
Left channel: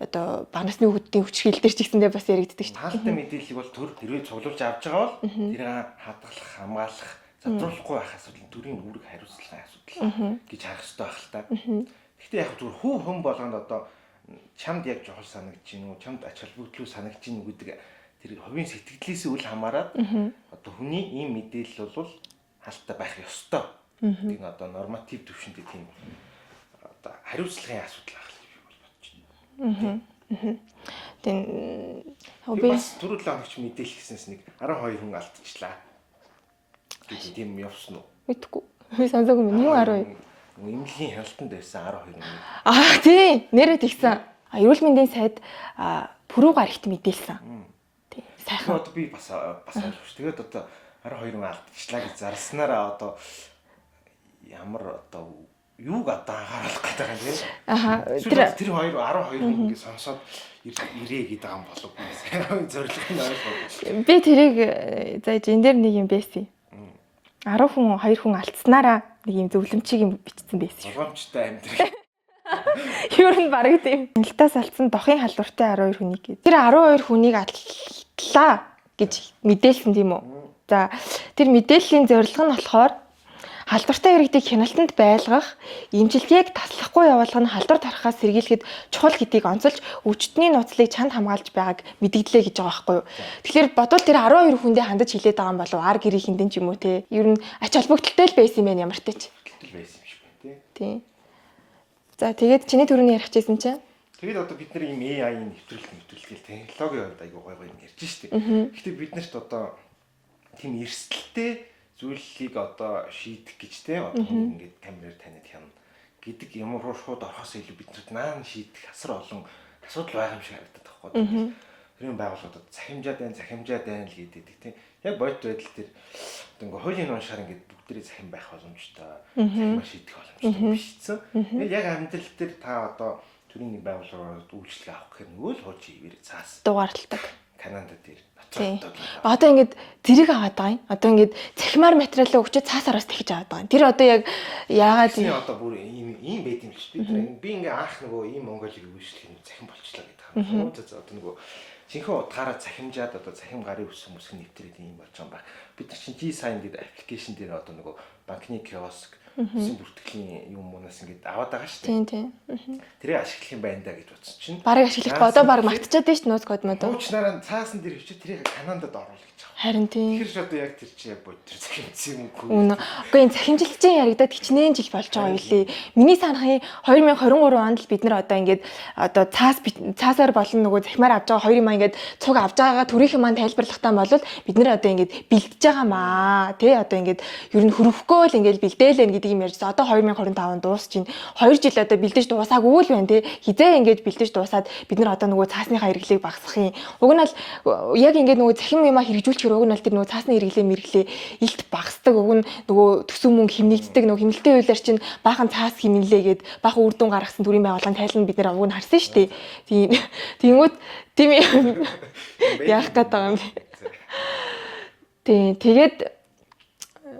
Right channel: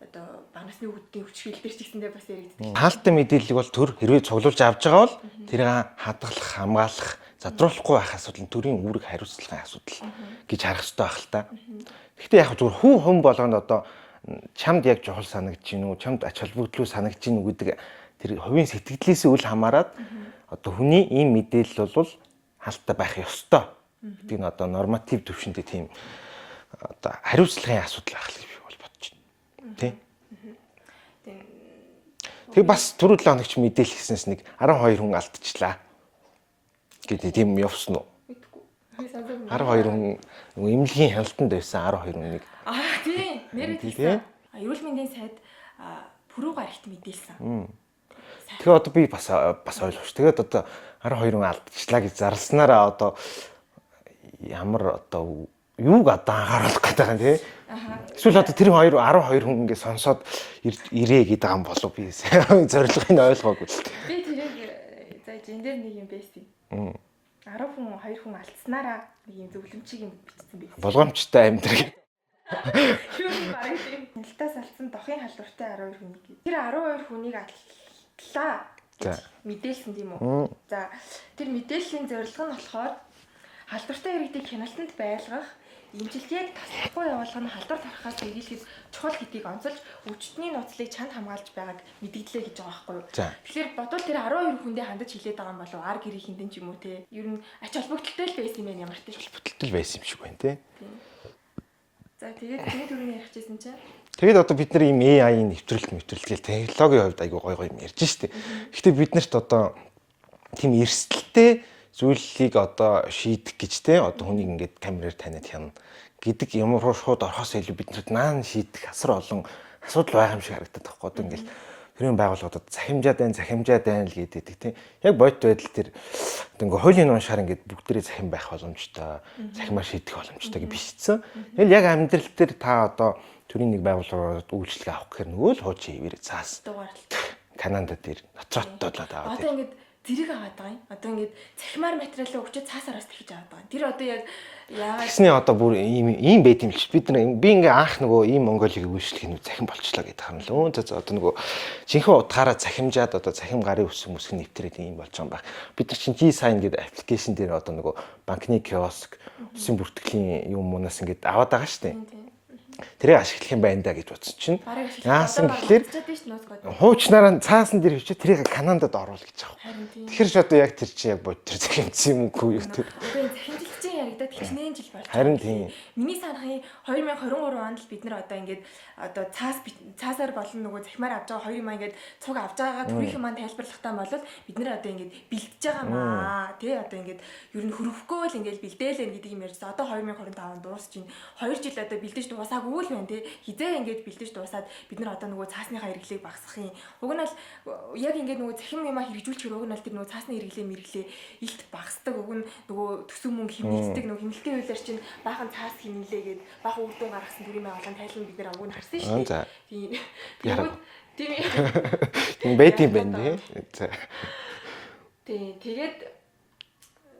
одоо бага насны хүүхдийн хүчрхийлэл дээр ч гэсэндээ бас яригддаг шүү дээ. Хаалттай мэдээлэл бол төр хэрвээ цуглуулж авч байгаа бол тэрийг хадгалах, хамгаалах, задруулахгүй байх асуудал нь төрийн үүрэг хариуцлагын асуудал гэж харах хэрэгтэй байх л та. Гэхдээ яг зүгээр хүн болгонд одоо чамд яг чухал санагдаж гинүү, чамд ач холбогдлоо санагдаж гинүү гэдэг тэр хувийн сэтгэлдээс үл хамааран одоо хүний ийм мэдээлэл бол хаалттай байх ёстой. Би н одоо норматив төвшөндөө тийм одоо хариуцлагын асуудал байх л би бол бодож байна. Тийм. Тэг бас түрүү 7 хоногч мэдээлэл хийснээс нэг 12 хүн алдчихлаа. Гэдэг тийм явсан уу? Мэдгүй. Би санаагүй юм. 12 эмнэлгийн хяналтанд байсан 12 хүн. Тийм. Нэрээ тэгсэн. Эрүүл мэндийн сайд пүрэв гарагт мэдээлсэн. Тэгэхээр одоо би бас ойлгож. Тэгээд одоо 12 хүн алдчихлаа гэж зарласнараа одоо ямар одоо юуг одоо анхааруулах гэдэг юм тий. Эсвэл одоо тэр 12 хүн ингээд сонсоод ирээ гэдэг юм болов би зорилгыг нь ойлгоогүй. Би тэрийг зааж энэ дээр нэг юм байсан. 10 хүн 2 хүн алдснараа нэг юм зөвлөмчийг юм бичсэн байсан. Болгоомжтой амьдрал. Юу нь бараг тийм. Хяналтаас алдсан дохын халдвартай 12 хүнийг гээд. Тэр 12 хүнийг алдлаа гэж мэдээлсэн тийм үү. За тэр мэдээллийн зорилго нь болохоор халдвартай иргэдийг хяналтанд байлгах, эмчилгээг таслахгүй явуулах нь халдвар тархаас сэргийлэхэд чухал гэдгийг онцолж өвчтний нууцлыг чанд хамгаалж байгааг мэдэгдлээ гэж байгаа байхгүй юу. Тэгэхээр бодвол тэр 12 хүндээ хандаж хилээд байгаа юм болов ар гэрийн хиндэн ч юм уу те. Ер нь ач холбогдолтой л байсан юм байна ямар ч тач. Бүтэлтэл байсан юм шиг байна те. Тийм. За тэгээд чиний төрөний ярих гэсэн чинь тэгээд одоо бид нар ийм AI-ийн нэвтрэлт гээл технологийн хувьд айгүй гоё юм ярьж штэ. Гэхдээ бид нарт одоо тийм эрсдэлтэй зүйлийг одоо шийдэх гэж те одоо хүнийг ингээд камераар таниад хянана гэдэг юм руу шууд орохоос илүү бид нарт наан шийдэх асар олон асуудал байгаа юм шиг харагдаад байгаа байхгүй ингээд тэрийн байгууллагуудад захимжаад байна л гэдэг те яг бодит байдал тэр ингээ хуулийн уншаар ингээд бүгдээрээ захим байх боломжтой захимаар шийдэх боломжтой гэж бичсэн. Тэгэл яг амьдрал дээр та одоо төрийн нэг байгууллагууд үйлчлэг авах гэхээр нөгөө л хуучин хэвээр цаас дугаарлалтай Канада дээр ноцролтод байгаа. Одоо ингээд зэрэг аваад байгаа юм. Одоо ингээд цахимаар материалаа өгчөө цаасараас тэгж аваад байгаа юм. Тэр одоо яг яагаад тийм одоо бүр ийм байт юм л ш. Бид нар би ингээ анх нөгөө ийм Монголыг үйлчлэх нь захим болчлаа гэдэг юм л. За одоо нөгөө жинхэнэ утгаараа захимжаад одоо захим гарын үсэг нэвтрээд ийм болж байгаа юм байна. Бид нар чинь G-Sign гэдэг аппликейшн дээр одоо нөгөө банкны киоск үсгийн бүртгэлийн юм уунаас ингээд аваад байгаа шүү дээ. Тийм. Тэрийг ашиглах юм байна да гэж бодсон чинь. Бараг ашиглах одоо баг мартчихад дээ ш нууц код мод. Хуучнараа цаасан дээр хөвчөө тэрийг Канадад оруулах гэж байгаа. Харин тийм. Тэгэхээр ч одоо яг тэр чинь яг бод тэр захимжсан юм үгүй. Үгүй энэ захимжилтын яригадад хичнээн жил болж байгаа юм лээ. Миний санахын 2023 онд л бид нар одоо ингээд одоо цаасаар болон нөгөө захимаар авч байгаа хоёрын маань ингээд цуг авч байгаагаа төрийнхэн маань тайлбарлахтаа болвол бид нар одоо ингээд бэлдэж байгаа маа тий одоо ингээд ер нь хөрөхгүй л ингээд бэлдээл гэдэг юм ярьжсэн. Одоо 2025 дуусч чинь 2 жил одоо бэлдэж дуусаагүй л байна тий. Хизээ ингээд бэлдэж дуусаад бид нар одоо нөгөө цаасныхаа хэрэглээг багасгахын. Уг нь л яг ингээд нөгөө захим юмаа хэрэгжүүлчихэр уг нь л тэр нөгөө цаасны хэрэглээ илт багасдаг. Уг нь нөгөө төсөв мөнгө хэмнэгддэг нөгөө хэмнэлтийн хуулиар чинь баахан цаас хэмнэлээгээд баахан үр дүн гаргасан төрийн байгууллагын тайлбар бид нар уг нь харсан шүү дээ. Тийм. Тэнгүүд тийм юм. Тийм. Тэгээд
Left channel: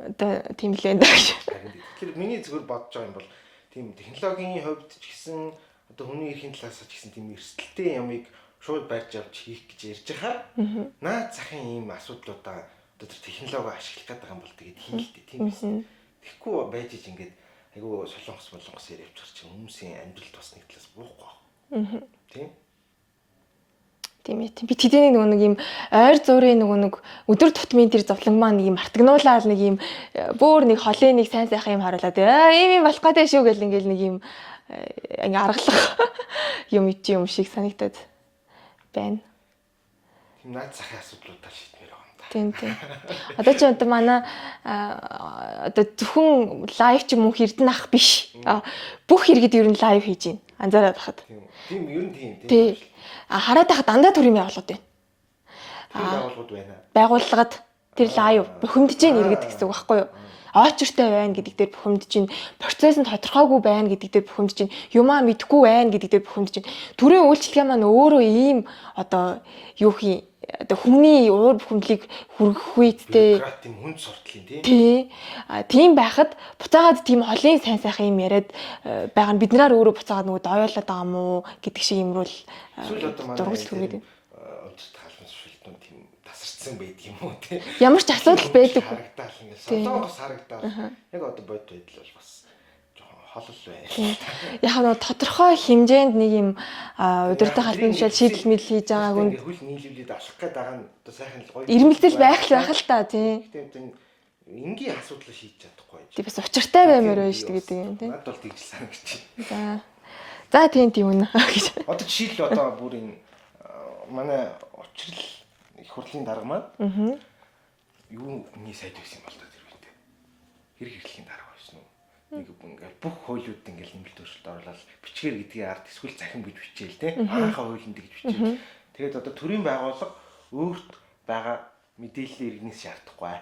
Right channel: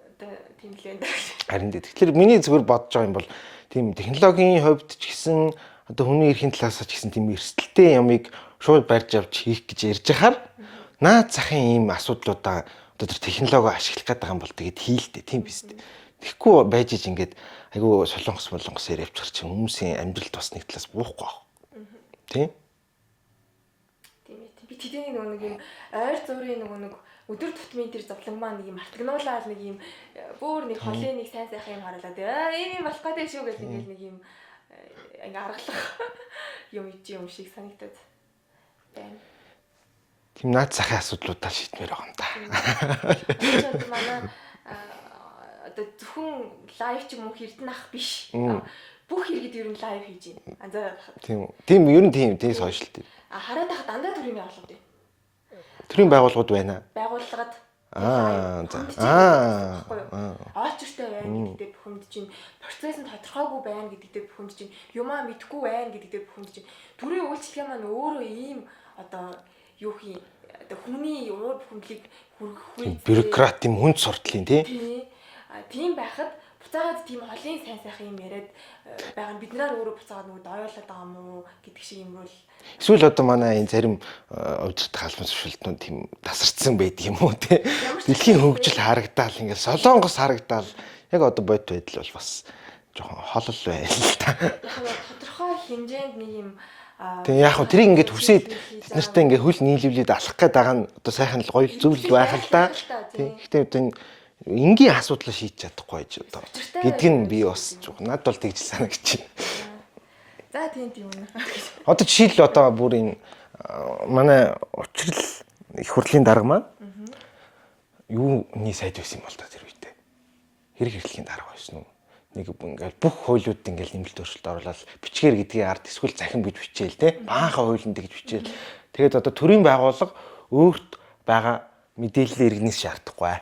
одоо тийм л энэ гэж. Харин тэгэхээр миний зүгээр бодож байгаа юм бол тийм технологийн хувьд ч гэсэн одоо хүний эрхийн талаас ч гэсэн тийм эрсдэлтэй ямыг шууд барьж авч хийх гэж ярьж хахаар наад захын ийм асуудлуудаа одоо тэр технологи ашиглах гэдэг юм бол тэгээд хийлдэ тийм биз дээ. Тэгэхгүй байж иж ингээд айгүй солонгос ярьж явчих чинь хүмүүсийн амьдралд бас нэг талаас буухгүй байна. Тийм. Тийм ээ. Би тэдний нөгөө нэг юм ойр зуурын нөгөө нэг өдөр тутмын тэр зовлон маань нэг юм мартагнуулаад нэг юм бүр нэг холын нэг сайн сайхан юм харуулаад ийм болох гэдэг шүү гэл ингээл нэг юм ингээ аргалах юм шиг санагдаад байна. Тийм наад захын асуудлуудаа шийдмээр байгаа юм да. Тийм. Одоо ч одоо манай одоо зөвхөн лайв ч юм уу Эрдэнэ ах биш. Бүх иргэд ер нь лайв хийж байна. Анзаараад байхад. Тийм. Тийм ер нь тийм сошиал. Хараад байхад дандаа төрийн байгууллагууд байна. Төрийн байгууллагууд байна. Байгууллагад тэр лайв бухимдж байна гэдэг үг байхгүй юу? Очертой байна гэдэг дээр бухимдж байна. Процесс нь тодорхойгүй байна гэдэг дээр бухимдж байна. Юмаа мэдэхгүй байна гэдэг дээр бухимдж байна. Төрийн үйлчлэгээ маань өөрөө ийм одоо юу хий одоо хүмүүний уур бухимдлыг хүргэх үедээ бюрократ тийм хүнд суртлын тий. Тийм байхад буцаагаад тийм холын сайн сайхан юм яриад байгаа нь бид нараар өөрөө буцаагаад нөгөө оёолоод байгаа мó гэдэг шиг юмруу эсвэл одоо манай энэ зарим удирдах хаалмын зөвшөлтнүүд тийм тасарцсан байдаг юм уу те. Ямар ч асуудал байдаг харагдаал ингээд солонгос харагдаал яг одоо бодит байдал бол бас жоохон холол байна л та. Яг нь тодорхой хэмжээнд нэг юм яг тэрийг ингээд хийж байгаа. Тэртээ ингээд хөл нийлүүлээд алах гээд байгаа нь одоо сайхан л гоё зүйл байх л та тий. Гэхдээ одоо энгийн асуудлаа шийдэж чадахгүй байж. Бас учиртай байна би бас надад бол тэгж санагдчих. За тийм үнэ гэж. Одоо жишээл одоо бүр энэ манай учрал их хурлын дарга маань юуны сайд байсан юм бол та тэр үедээ. Хэрэг хэрэглэхийн дарга байсан уу? Нэг ингээл бүх хуулиуд ингээл нэмэлт өөрчлөлт оруулаад бичгээр гэдгийг ард эсвэл захин гэж бичээл те. Баахан хуулинд гэж бичээл. Тэгээд одоо төрийн байгууллага өөрт байгаа мэдээлэл иргэнээс шаардахгүй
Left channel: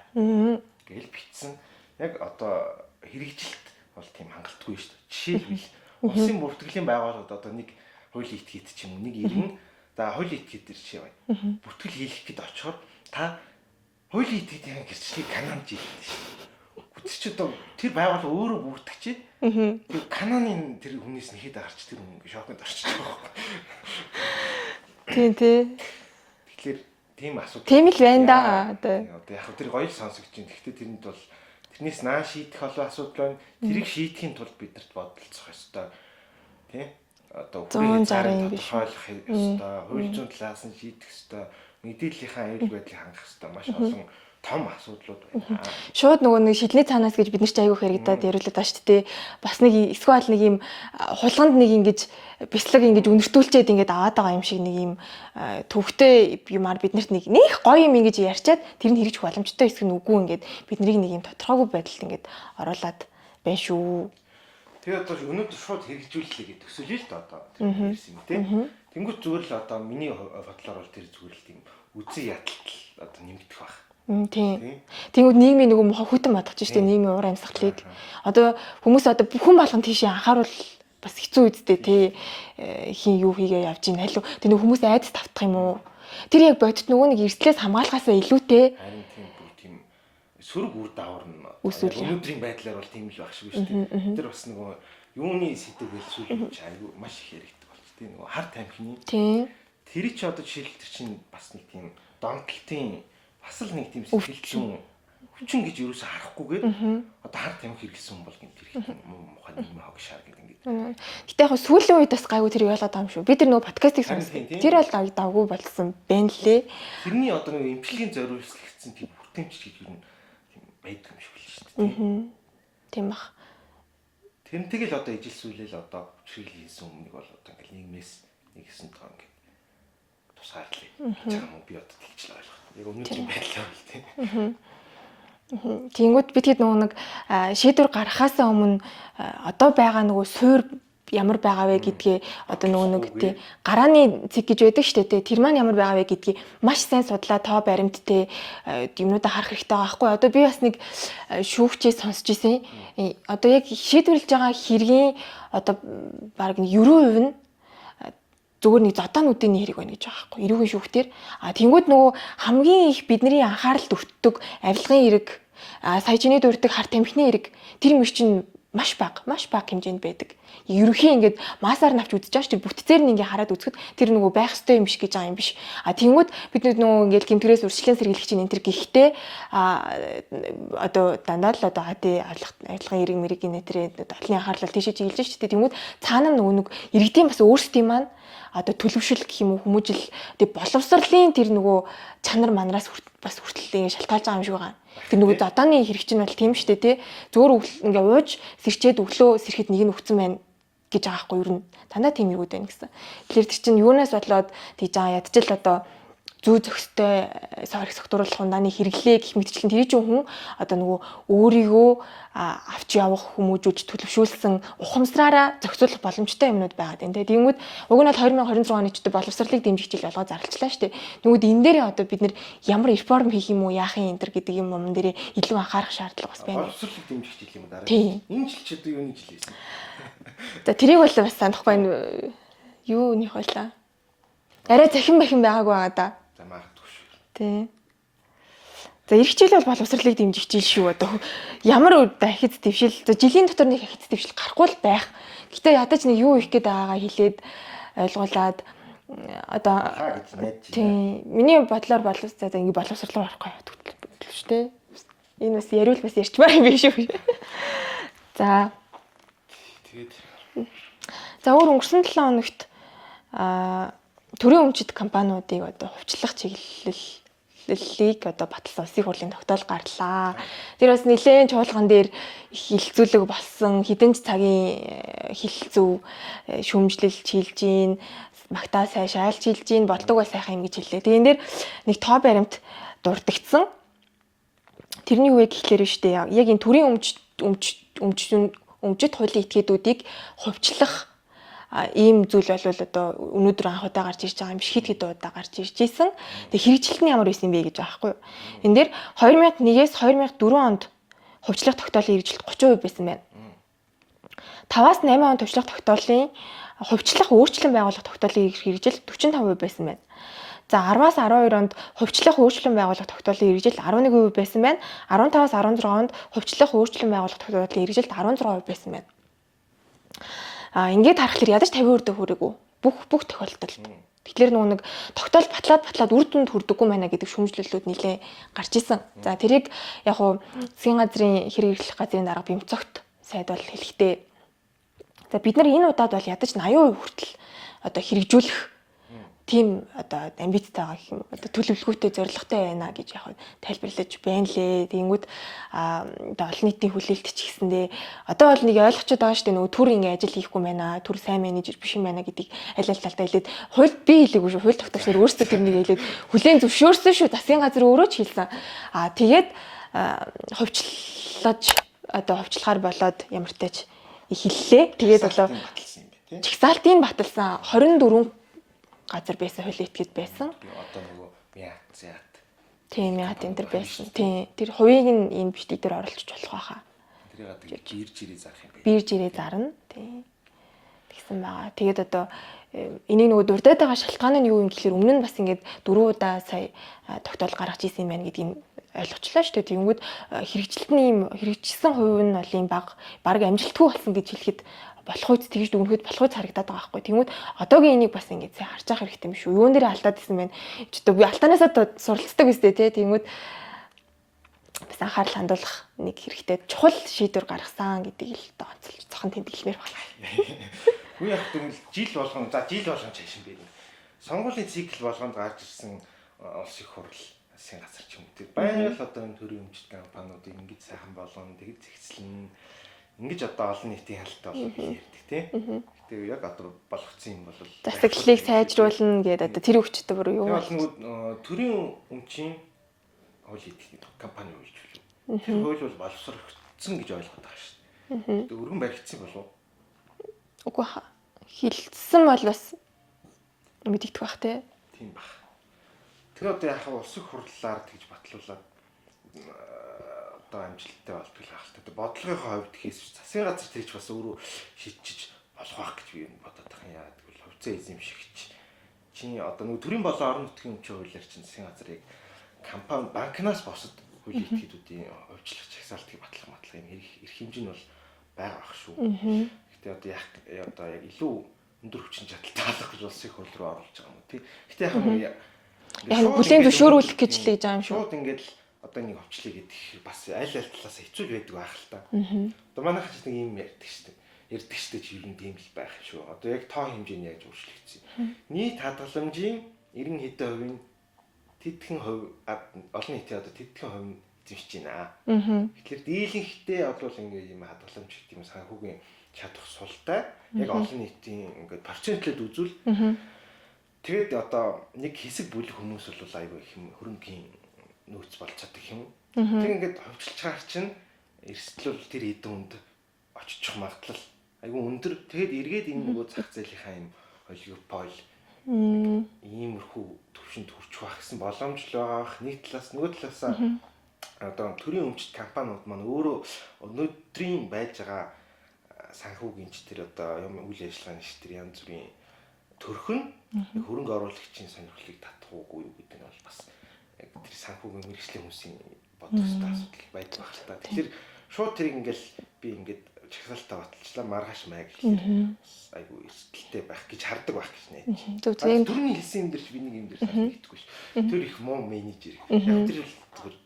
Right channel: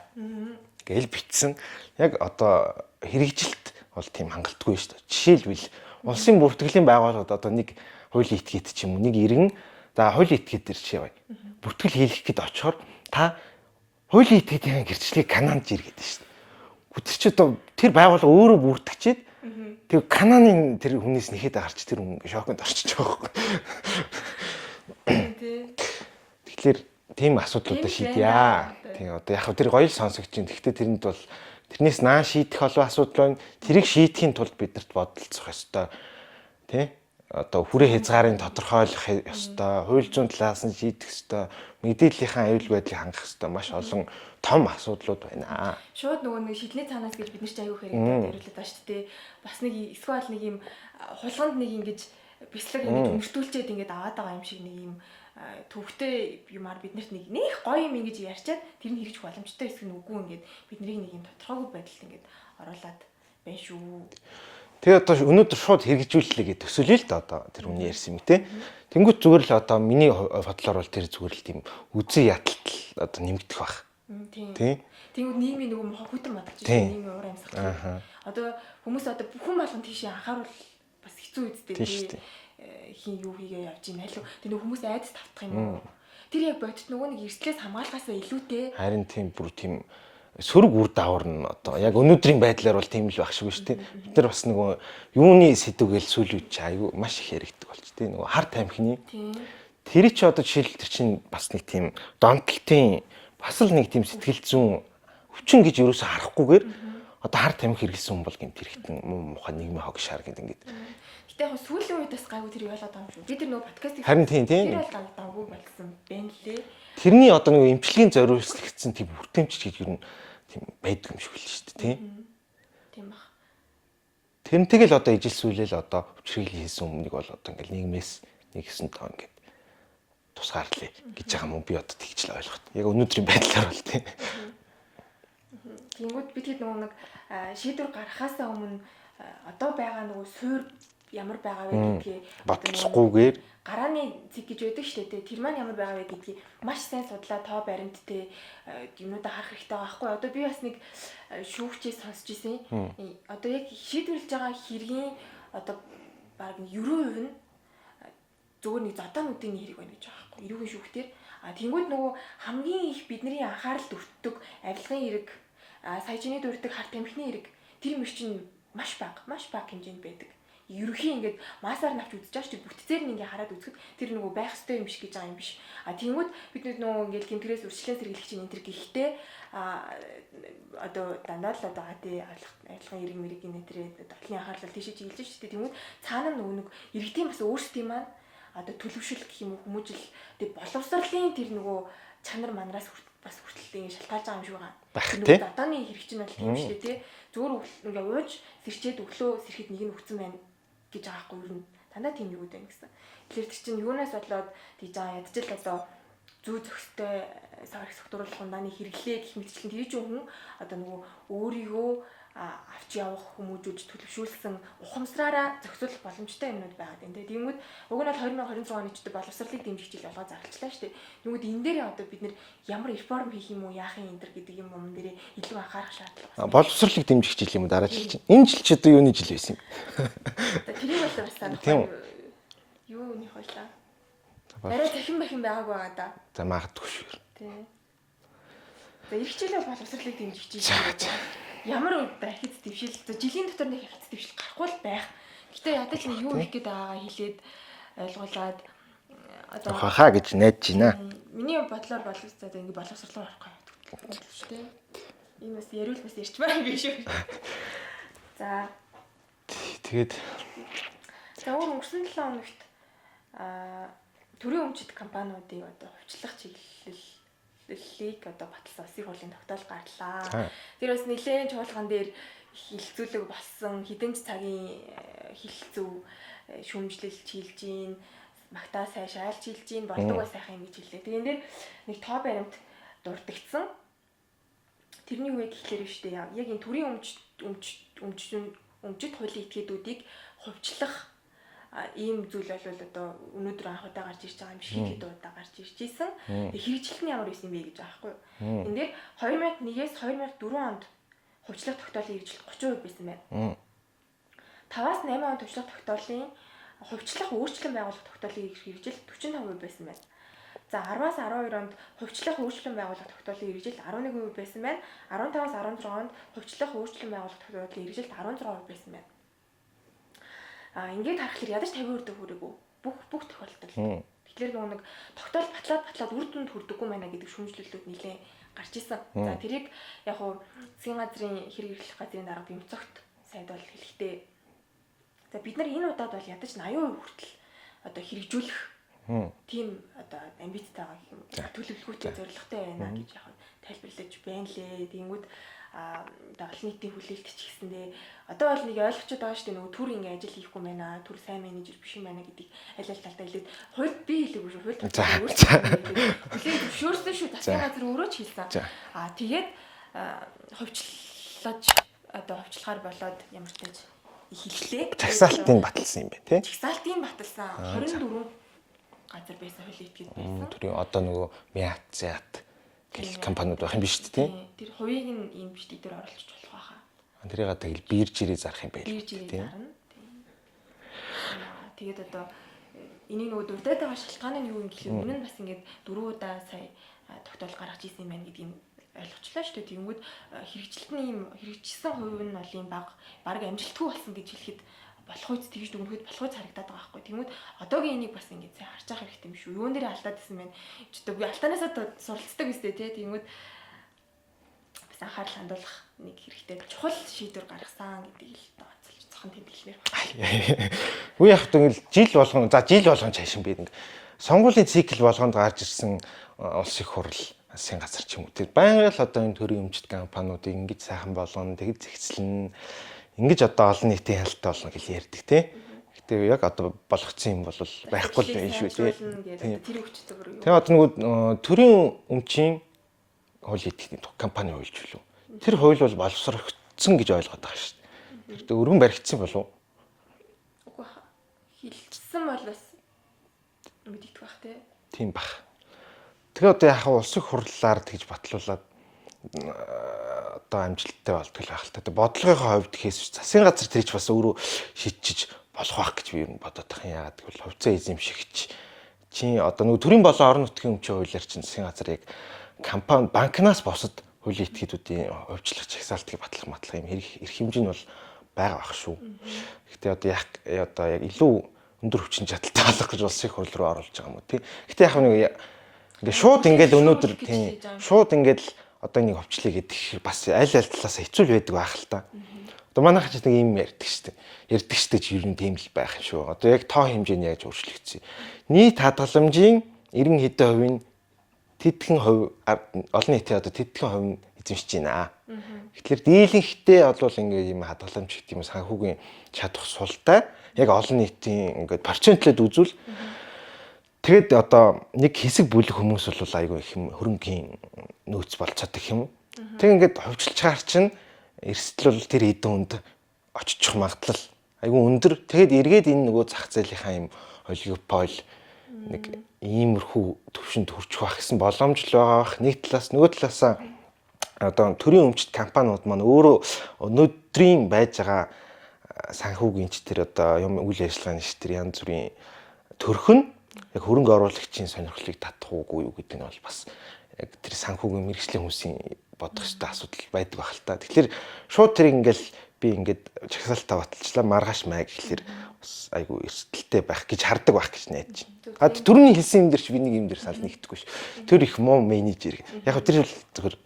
гээл бичсэн. Яг одоо хэрэгжилт бол тийм хангалтгүй шүү дээ. Жишээлбэл улсын бүртгэлийн байгууллагууд одоо нэг хуулийн этгээд ч юм уу нэг иргэн за хуулийн этгээд дээр чи яваа. Бүртгэл хийх гээд очихоор та хуулийн этгээдийн гэрчлэгийг канаанд жиргэдэг шүү дээ. Тэр чи одоо тэр байгууллага өөрөө бүртгэжээд тэр кананы тэр хүнээс нэхэд гарч тэр хүн шоконд орчиж байгаа байхгүй. Тийм тий. Тэгэхээр тийм асуудал тийм л байна да. Одоо яг тэр гоё сонсогч юм. Гэхдээ тэрэнд бол тэрнээс наа шийдэх олон асуудал байна. Тэрийг шийдэхин тулд биднэрт бодолцох ёстой. Тэ? Одоо хүрээ хязгаарын тодорхойлох ёстой. Хууль зүйн талаас нь шийдэх ёстой. Мэдээллийнхаа аюул байдлыг хангах ёстой. Маш олон том асуудлууд байна. Шууд нөгөө нэг шилний цаанаас гэж бид нар ч аягүй хэрэгдээд яриулаад байна шүү дээ. Бас нэг эсвэл нэг юм хулганд нэг ингэж бяцлаг ингэж үнэртүүлчихэд ингэж аваад байгаа юм шиг нэг юм төвхтэй юмар биднэрт нэг гоё юм ингэж ярьчаад тэр нь хэрэгжих боломжтой эсвэл үгүй ингэж бид нарыг нэг юм тодорхойгүй байдалд ингэж оруулаад байна шүү. Тэгээ одоо өнөөдөр шууд хэрэгжүүлэлээ гэж төсөөлье л да одоо тэр хүн ярьсан юм те. Тэнгүүт зүгээр л одоо миний бодлоор бол тэр зүгээр л тийм үзэн ядалт одоо нэмэгдэх байх. Тийм. Тэнгүүд нийгмийн нөгөө хөтөн бадгаж штэ нийгмийн уур амьсгалыг. Одоо хүмүүс одоо хүн болгон тийшээ анхааруул бас хэцүү үсттэй тий. Хин юу хийгээ явж ийн халуу. Тэр нөгөө хүмүүс айдас тавтах юм уу? Тэр яг бодит нөгөө нэг эрслээс хамгаалахаас илүүтэй. Харин тийм бүр тийм сөрөг үр дагавар нь одоо яг өнөөдрийн байдлаар бол тийм л байх шиг шүү дээ. Тэр бас нөгөө юуны сэдвгээл сүлүүч аюу маш их яригддаг болж тий. Нөгөө хар тамхины. Тийм. Тэр чи одоо жишээл тэр чинь бас нэг тийм донтолтын бас л нэг тийм сэтгэл зүйн хүчин гэж юу ч харахгүйгээр одоо хар тамхи хэрэглэсэн хүн бол гэмт хэрэгтэн муухай нийгмийн хог шаар гэдэг ингээд. Гэтэ яг сүүлийн үед бас гайгүй тэр ялаад байгаа юм шүү. Би тэр нөгөө подкастыг тэр бол давгүй болсон байна лээ. Тэрний одоо нөгөө эмчилгээний зориулагдсан тийм бүртэмч гэж юу тийм байдаг юм шиг л шүү дээ тийм. Тийм баг. Тэрнтэйг л одоо ижил сүлээл одоо хүчрхийлэл хийсэн хүмүүнийг бол одоо ингээд нийгмээс нэгсэн тоо ингээд тусгаарлаа гэж байгаа юм би одоо тэгж л ойлгох. Яг өнөөдрийн байдлаар бол тийм. Тэнгүүд бид хэд нөгөө нэг шийдвэр гаргахаасаа өмнө одоо байгаа нөгөө суур ямар байгаа вэ гэдгээ одоо нөгөө нэг гарааны цэг гэж байдаг шүү дээ. Тэр маань ямар байгаа вэ гэдгийг маш сайн судлаа тоо баримттай юмнуудаа харах хэрэгтэй байгаа байхгүй. Одоо би бас нэг шүүгчээ сонсч ирсэн. Одоо яг шийдвэрлэж байгаа хэргийн одоо баг 90% нь зүгээр нэг зодоонуудын хэрэг байна гэж байгаа байхгүй. Эрүүгийн шүүхтэр тэнгууд нөгөө хамгийн их бидний анхааралд өртдөг авилгын хэрэг, сая чиний дурддаг хар тамхины хэрэг тэр мөр чинь маш бага хэмжээнд байдаг. ерөнхий ингээд массаар навч үзэж байгаа шүү дээ. Бүтцээр нь ингээ хараад үзэхэд тэр нөгөө байх ёстой юм биш гэж байгаа юм биш. Тэнгүүд бид нөгөө ингээд гэмтгэрээс урьдчилан сэргийлэгчийн энэ төр гэхдээ одоо дандаа л одоо хати авилгын эрг мэргийн нэтрээ олонний анхаарлал тийшээ чиглэж шүү дээ. Тэнгүүд цаана нөгөө нэг иргэдийн бас өөрсдийн маань одоо төлөвшил гэх юм уу хүмүүжил тэг боловсролын тэр нөгөө чанар манараас бас хүртэл шалтгаалж байгаа юм шиг байгаа. Тэр нөгөө одооны хэрэг чинь бол тийм шүү дээ тий. Зүгээр ингээ ууж сэрчээд өглөө сэрэхэд нэг нь өгцөн байна гэж байгаа хгүй юу. Дандаа тийм юу гэдэг гэсэн. Тэгэхээр тэр чинь юунаас болоод тийж байгаа ядчил одоо зүү зөхстэй сорих согтууруулах ундааны хэрэглээ гэх мэтчлэн тэр чинь хүн одоо нөгөө өөрийгөө авч явах хүмүүжүүлж төлөвшүүлсэн ухамсараараа зохицуулах боломжтой юмнууд байгаад байна. Тэгэнгүүт уг нь бол 2026 оны ч боловсролыг дэмжих жил болгоо зарлцлаа шүү дээ. Нүгүүд энэ дээр одоо бид нэр ямар реформ хийх юм уу яах юм энэ төр гэдэг юм дээр илүү анхаарах шаардлага бас байна. Боловсролыг дэмжих жил юм дараа жил. Энэ жил ч одоо юуны жил байсан юм. За тэрийг бол бас санахгүй юуных байлаа. Арай захин бахин байгаагүй байгаа да. За магадгүй шүү. Тий. За эх жил бол боловсролыг дэмжих жил шүү одоо. Ямар дахиц дэвшил жилийн дотор нэг дахиц дэвшил гарахгүй л байх. Гэтэ ядаж нэг юу их гээд байгаагаа хэлээд ойлгуулад одоо хаа гэж найдаж байна. Миний бодлоор боловсрол за ингэ боловсрол орохгүй явдаг шүү дээ. Энэ бас яриул бас ярьчмаар юм биш үү. За тэгээд за өөр өнгөрсөн 7 хоногт төрийн өмчит компаниудыг одоо хувьчлах чиглэлийг одоо баталсан улсын хурлын тогтоол гарлаа. Тэр бас нэлээд чуулган дээр хилцүүлэг болсон хэдэн ч цагийн хилцүү шүүмжлэл чийлж гин магтаа сайн шайл чийлж гин болдог бай сайхан юм гэж хэллээ. Тэгээ энэ дээр нэг тоо баримт дурдгдсан. Тэрний юу вэ гэхлээр биш үү? Яг энэ төрийн өмчит хуулийн этгээдүүдийг хувьчлах ийм зүйл бол одоо өнөөдөр анх удаа гарч ирж байгаа юм биш хэд удаа гарч ирж ийсэн. Тэгээ хэрэгжилт нь ямар байсан бэ гэж байгаа байхгүй юу. Энд дээр 2001-ээс 2004 онд хувьчлах тогтоолын хэрэгжилт 30% байсан байна. 5-аас 8 он хувьчлах тогтоолын хувьчлах өөрчлөн байгуулах тогтоолын хэрэгжилт 45% байсан байна. За 10-аас 12 онд хувьчлах өөрчлөн байгуулах тогтоолын хэрэгжилт 11% байсан байна. 15-аас 16 онд хувьчлах өөрчлөн байгуулах тогтоолын хэрэгжилт 16% байсан байна. Ингээд харахад ядаж 50% дэх хүрээгүй бүх тохиолдолд. Тэгэхээр нэг тогтоол батлаад үр дүнд хүрдэггүй байна гэдэг шүүмжлэлүүд нэлээ гарч исэн. За тэрийг яг уу засгийн газрын хэрэг эрхлэх газрын дарга Бямцогт сайд бол хэлэхдээ за бид нар энэ удаад бол ядаж 80% хүртэл одоо хэрэгжүүлэх тийм одоо амбицтай байгаа гэх юм. Одоо төлөвлөгөөтэй зорилготой байна гэж яг тайлбарлаж байна лээ. Тэгэнгүүт одоо олон нийтийн хүлээлт ч гэсэндээ одоо бол нэг ойлгочод байгаа шүү дээ. Нөгөө төр ингэ ажил хийхгүй байна. Төр сайн менежер биш юм байна гэдгийг аль аль талдаа хэлээд хуульд би хэлээгүй шүү. Хууль тогтоосоор өөрсдөө хэлээд хүлээн зөвшөөрсөн шүү. Засгийн газар өөрөө ч хэлсэн. Тэгээд хувьчлаж одоо хувьчлахаар болоод ямар тач хэллээ. Тэгээд чагсаалтын баталсан юм байна тий. Чагсаалтын баталсан 24 газар байсан хуулийн этгээд байсан. Тэр одоо нөгөө Мяцят тийм компанид байх юм биш үү тий. Тэр хувийг нь энэ бичиг дээр оруулж болох байхаа. Тэрийг одоо бирж ирээ зарах юм байна. Бирж ирээ зарна тий. Тэгээд одоо энийг нөгөө дурдаад байгаа шалтгаан нь юу юм гэхээр өмнө нь бас ингээд 4 удаа сая тогтоол гаргаж ирсэн юм байна гэдгийг ойлгочлаа шүү дээ. Тэгэнгүүт хэрэгжилт нь ийм хэрэгжсэн хувь нь бол ийм баг амжилтгүй болсон гэж хэлэхэд болох үед тэгж дүгнэхэд болох үед харагдаад байгаа байхгүй. Тэгмүүд одоогийн энийг бас ингэж сайн харж явах хэрэгтэй юм шүү. Юун дээр алдаад исэн байна. Ч одоо би алтаанаасаа суралцдаг үстэй тий. Тэгмүүд бас анхаарал хандуулах нэг хэрэгтэй чухал шийдвэр гаргасан гэдгийг л онцлж зохон тэмдэглэмээр байна. Үгүй яг тэгвэл жил болгон цаашин бид сонгуулийн цикл болгонд гарч ирсэн улс их хурл засгийн газар ч юм уу. Тэр байнга л одоо энэ төрийн өмчит компаниудыг ингэж сайхан болгоно, тэгж зэгцлэн ингэж одоо олон нийтийн хяналттай болно гэж ярьдаг тий. Гэтэ яг одоо болгоцсон юм бол байхгүй сайжруулна гэдэг одоо тэр өвчтөд бүр юу. Тэгээ одоо нөгөө төрийн өмчийн хуулийн этгээдийн компани хуульч билүү. Тэр хууль бол боловсрогдсон гэж ойлгоод байгаа шүү дээ. Гэтэ өргөн баригдсан болов уу? Үгүй хилцсэн бол бас мэдэгдэх бах тий. Тийм бах. Тэгээ одоо яг улсын хурлаар тэгж батлуулаад одоо амжилттай болтгол байх л та. Бодлогынхоо хувьд гэхээс засгийн газар тэрч бас өөрөө шийдчих болох байх гэж би ер нь бодоод байгаа юм. Яагаад гэвэл хувьцаа эзэмшигч чи одоо нөгөө төрийн болон орон нутгийн өмчийн хуулиар чинь засгийн газар яг компани банкнаас босод хуулийн этгээдүүдийн хувьчлах чагсаалтыг батлах юм эрх хэмжээ нь бол байгаа ах шүү. Гэхдээ одоо яг илүү өндөр хүчин чадалтай болох гэж улсын хурл руу оруулж байгаа юм уу тий. Гэхдээ яг ингээд шууд ингээд өнөөдөр гэж л хийж байгаа юм. шууд ингээд одоо нэг өвчлөе гэдэг бас аль талаас хэцүү байдаг байх л та. Одоо манайх ч нэг юм ярьдаг шүү дээ. Ярьдаг шүү дээ ч ер нь тийм л байх юм шүү. Одоо яг тоо хэмжээний яаж өөрчлөгдсөн. Нийт хадгаламжийн 90 хэдэн хувийн тэдхэн хувь олон нийтийн одоо тэдхэн хувь нь эзэмшиж байна. Тэгэхээр дийлэнхтэй бол ингээд юм хадгаламж гэх юм санхүүгийн чадах султай яг олон нийтийн ингээд процентлээд үзвэл тэгэд одоо нэг хэсэг бүлэг хүмүүс бол айгүй их юм хөрөнгөний нөөц болцоод их юм. Тэг ингээд ховчлж чаар чинь эрсдэл бол тэр хэдэн хүнд очиж магадлал айгүй өндөр. Тэгэд эргээд энэ нөгөө зах зээлийнхаа юм олигопол нэг иймэрхүү төвшөнд хүрчих байх гэсэн боломж л байгаа бах. Нэг талаас нөгөө талаасаа одоо төрийн өмчт компаниуд маань өөрөө өнөөдрийн байж байгаа санхүүгийн ч тэр одоо юм үйл ажиллагааны ш тэр янз бүрийн төрх нь яг хөрөнгө оруулагчийн сонирхлыг татах уугүй юу гэдэг нь бол бас яг тэр санхүүгийн мэргэжлийн хүмүүсийн бодох ёстой асуудал байдаг байх л та. Тэгэхээр шууд тэр ингээл би ингээд чагсаалтаа баталчлаа маргааш маа гэхэлэр бас айгүй эрсдэлтэй байх гэж хардаг байх гэж найдаж байна. Түрүүний хэлсэн юм дээр чи би нэг юм дээр сал нэгдэхгүй ш. Тэр их муу менежер. Яг тэр зөвхөн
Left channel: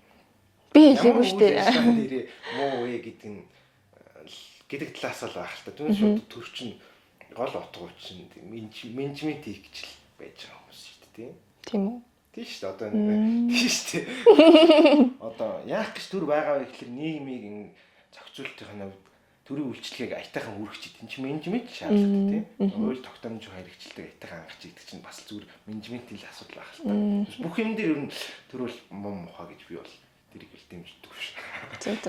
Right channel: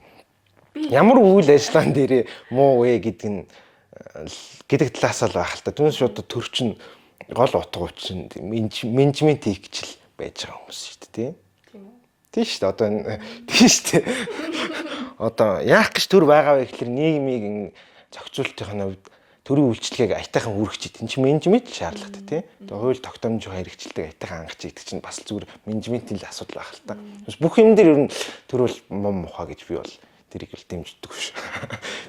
ямар үйл ажиллагаан дээрээ муу вэ гэдэг талаас л байх л та. Түүнээс шууд төрчин гол утга учир менежмент хийх гэж л байж байгаа хүмүүс шүү дээ тий. Тийм үү? Тийм шүү дээ. Одоо тийм шүү дээ. Одоо яах гэж төр байгаа вэ гэхэлэр нийгмийн зохицуулалтын хувьд төрийн үйлчлэгийг аятайхан үргэлжлэж энэ чинь менежмент шаардлагатай тий. Хууль тогтоомжийн хэрэгжилтийг аятайхан хангаж идэх чинь бас зүгээр менежментийн л асуудал байх л та. Бүх юм дээр ер нь төр бол мом мухаа гэж би бол тэрийг л дэмждэг шүү.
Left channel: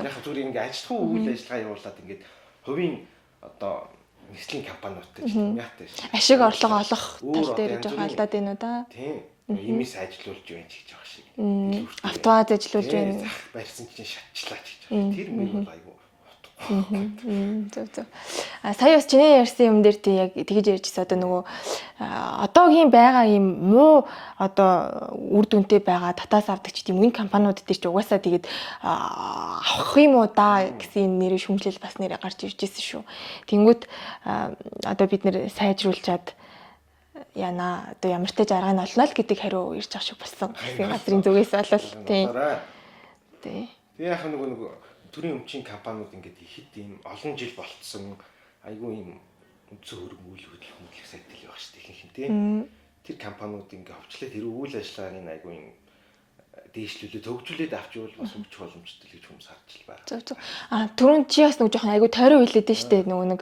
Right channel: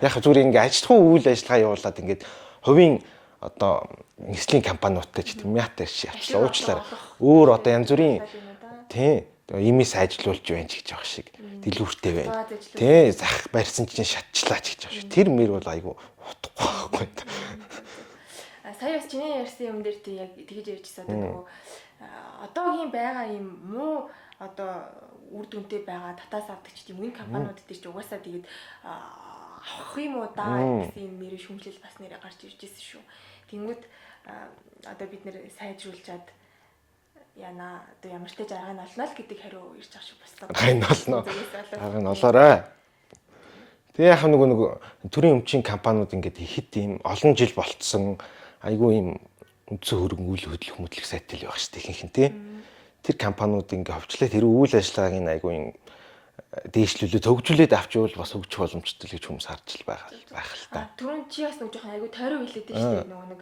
Яг зүгээр ингээ ажилтгуу үйл ажиллагаа явуулаад ингээд хувийн одоо нислэгийн компаниудтай ч юм яатай ашиг орлого олох өөр одоо янз бүрийн тийм имис ажилуулж байна ч гэж байгаа шиг дэлгүүртэй байна. Бааз ажилуулж байна. Зах барьсан чинь шатчлаа ч гэж байгаа шиг. Тэр мөр бол айгүй утгагүй байхгүй. Сая бас чиний ярьсан юм дээр тий яг тэгж ярьжсэн одоо нөгөө одоогийн байгаа юм муу одоо үр дүнтэй байгаа татаас авдаг ч тийм үн компаниуд дээр ч угаасаа тэгээд авах юм уу да гэсэн нэрээ шүмжлэл бас нэрээ гарч ирж ирсэн шүү. Тэнгүүд одоо бид нэр сайжруулчаад яна одоо ямар ч таж арга нь олно л гэдэг хариу ирж байгаа шиг болсон. Энэ зүгээс болол тий. Тэгээ яг нэг төрийн өмчийн компаниуд ингээд ихэд ийм олон жил болцсон айгүй ийм үндсэн хөрөнгө үйл хөдлөх сайтай л байх шүү дээ ихэнх нь тий. Тэр компаниуд ингээд ховчлаа тэр үйл ажиллагааг нь айгүй ийм дээшлүүлээ төгжүүлээд авчвал бас хөгжих боломжтой л гэж хүмүүс харж л байгаа. Түрүүн чи бас нэг жоохон айгүй тойроо хэлээд нь штэ нөгөө нэг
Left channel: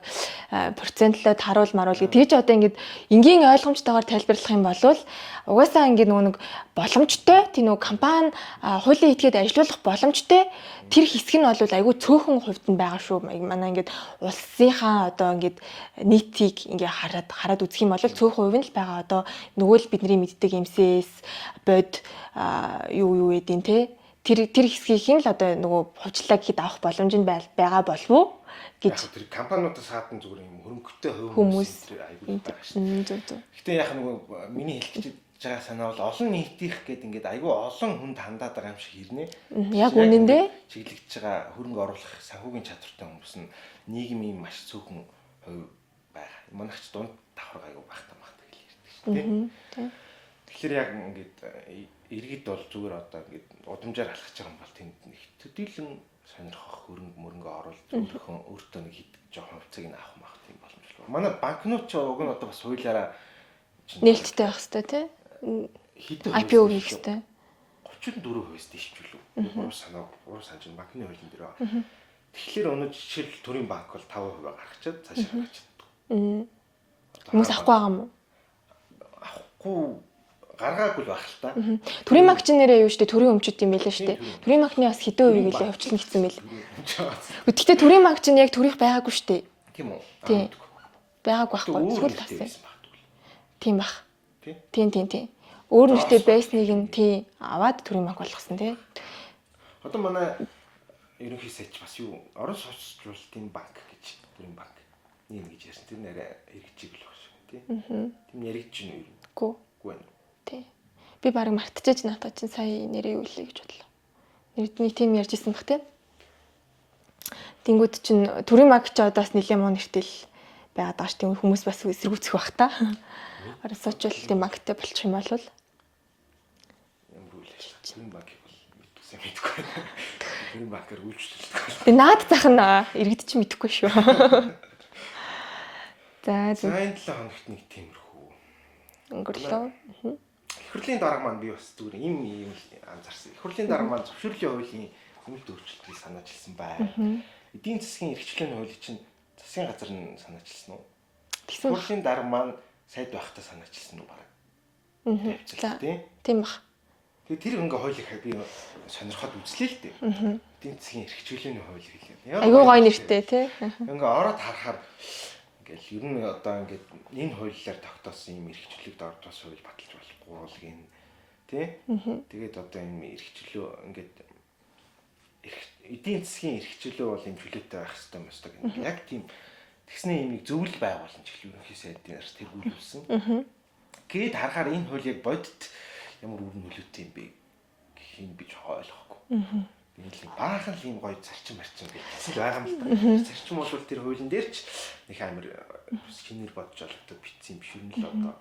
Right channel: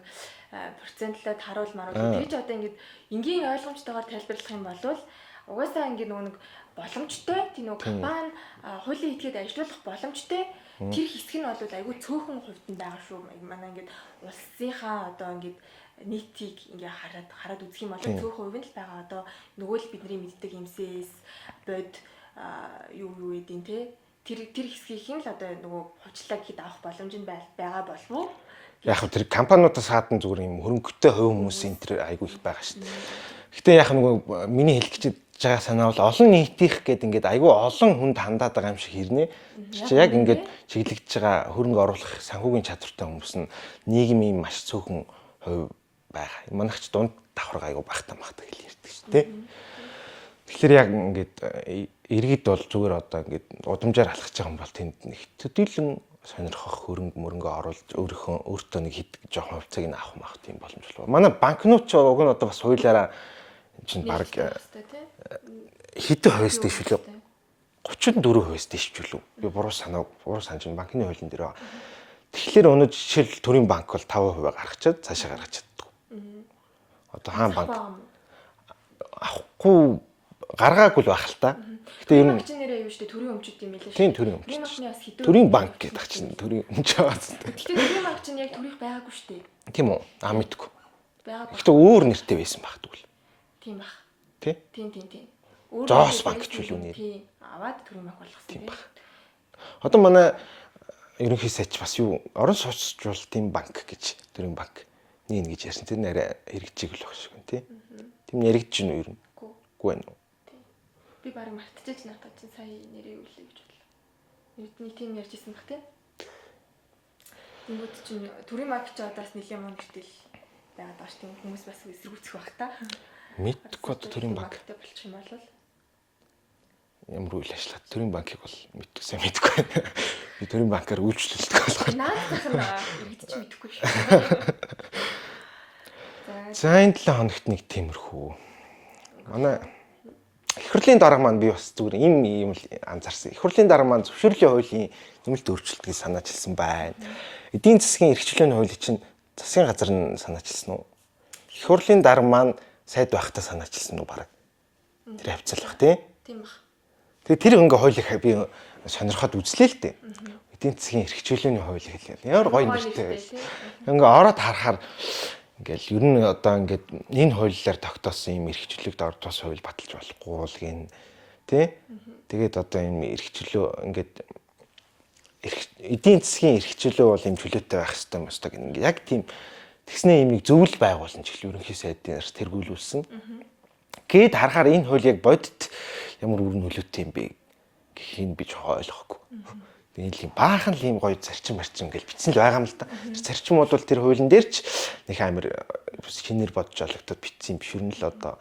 процентлоод харуул маруул гэж одоо ингээд энгийн ойлгомжтойгоор тайлбарлах юм бол угаасаа ингээд нөгөө нэг боломжтой тийм нөгөө компани хуулийн этгээд ажилуулах боломжтой тэр хэсэг нь бол айгүй цөөхөн хувьд нь байгаа шүү. Манай ингээд улсынхаа одоо ингээд нийтийг ингээд хараад үзэх юм бол цөөхөн хувь нь л байгаа. Одоо нөгөө л бидний мэддэг MCS бод юу эдийн те тэр хэсгийг л одоо нөгөө хувьчлаа гэхэд авах боломж нь байгаа болов уу? Яг тэр компаниудаас хаадан зүгээр юм хөрөнгөтэй хувь хүмүүсийн тэр айгүй их байгаа шүү дээ. Гэтэ яг нөгөө миний хэлэх гэж байгаа санаа бол олон нийтийнх гэдэг ингээд айгүй олон хүнд хандаад байгаа юм шиг хэрнээ. Яг ингээд чиглэгдэж байгаа хөрөнгө оруулах санхүүгийн чадвартай хүмүүс нь нийгмийн маш цөөхөн хувь байгаа. Манайх ч дунд давхар айгүй багтаа хэл ярьдаг шүү дээ. Тэгэхээр яг ингээд иргэд бол зүгээр одоо ингээд удамжаар алхаж байгаа юм бол тэнд нэг төдийлөн сонирхох хөрөнгө оруулж өөртөө нэг хэд жоохон хувьцааг нь авах маах тийм боломж болов. Манай банкнууд ч уг нь одоо бас хуулиараа нээлттэй байх хэрэгтэй тий. Хэдэн хувьстай шүү дээ. 34% хувьстай шүү лүү. Би буруу санаж банкны хуулийн дээр байгаа. Тэгэхээр өнөө жишээл төрийн банк бол 5% гаргачаад цаашаа гаргаж чаддаг. Одоо хаан банк авахгүй байгаа юм уу? Авахгүй гаргаагүй л байх л та. Төрийн банк ч нэрээ юу штэ төрийн өмчт юм байлаа штэ. Төрийн банкны бас хэдэн үеийн явуулах юм бэл. Гэхдээ төрийн банк ч яг төрийнх байгаагүй штэ. Тийм үү? Мэдгүй. Байгаагүй байх. Тэ өөр нэртэй байсан баг тэгвэл. Тийм баг. Тийм. Өөр нэртэй байсныг нь тий аваад төрийн банк болгосон тий. Одоо манай ерөнхий сайч бас юу орон сууцчлалтын банк гэж төрийн банк нэг гэж ярьсан. Тэр нэрээ хэрэгжиг л баг шиг тий. Тийм яригдж гин үү ер нь? Үгүй байна уу? Би барыг мартчихэж надад чинь сая нэрээ юу лээ гэж бодлоо. Нэг тийм ярьж исэн бах тий. Тэнгүүд чинь төрийн маг ч одоо бас нэлээд муу нэртэл байгаад байгаа ш. Тийм хүмүүс бас эсэргүүцэх бах та. Оросчлолтын магтай болчих юм бол ямар үйл ажиллагаа төрийн банкыг бол мэдсэн мэдгүй байна. Төрийн банкаар үйлчлүүлдэг болох. би наад зах нь иргэдэж мэдэхгүй шүү. За энэ 7 хоногт нэг тиймэрхүү. өнгөрлөө. Их хурлын дарга маань би бас зүгээр ийм л анзаарсан. Их хурлын дарга маань зөвшөөрлийн хуулийн нэмэлт өөрчлөлтийг санаачилсан байна. Эдийн засгийн эрхчлөөний хуулийг чинь засгийн газар нь санаачилсан уу? Их хурлын дарга маань сайд байхдаа санаачилсан уу бараг. Тэр хавцлах Тийм бах. Тэгээ тэр ингээ хуулийг би сонирхоод үзлээ л дээ. Эдийн засгийн эрхчлөөний хуулийг хэлээ. Айгуу гоё нэртэй тий. Ингээ ороод харахаар ингээл ер нь одоо ингээд энэ хуулиар тогтоосон юм эрхчлөлөд ордоос хууль баталж болохгүй л гин тий. Тэгээд одоо юм эрхчлөө ингээд эдийн засгийн эрхчлөө бол юм чөлөөтэй байх хэрэгтэй юм шүү дээ. Яг тийм тэгснээ юм нэг зөвлөл байгуулсан ч гэл ерөнхий сайдын тэргүүлүүлсэн. Гээд харахаар энэ хууль яг бодит ямар үр нөлөөтэй юм бэ гэхийг би жоо ойлгохгүй. Тэгээд ийм баахан л ийм гоё зарчим марчим гэж бичсэн л байгаа юм л да. Зарчим бол тэр хуулийн дээр ч нэг амар шинээр бодож олгодод бичсэн юм биш үү л одоо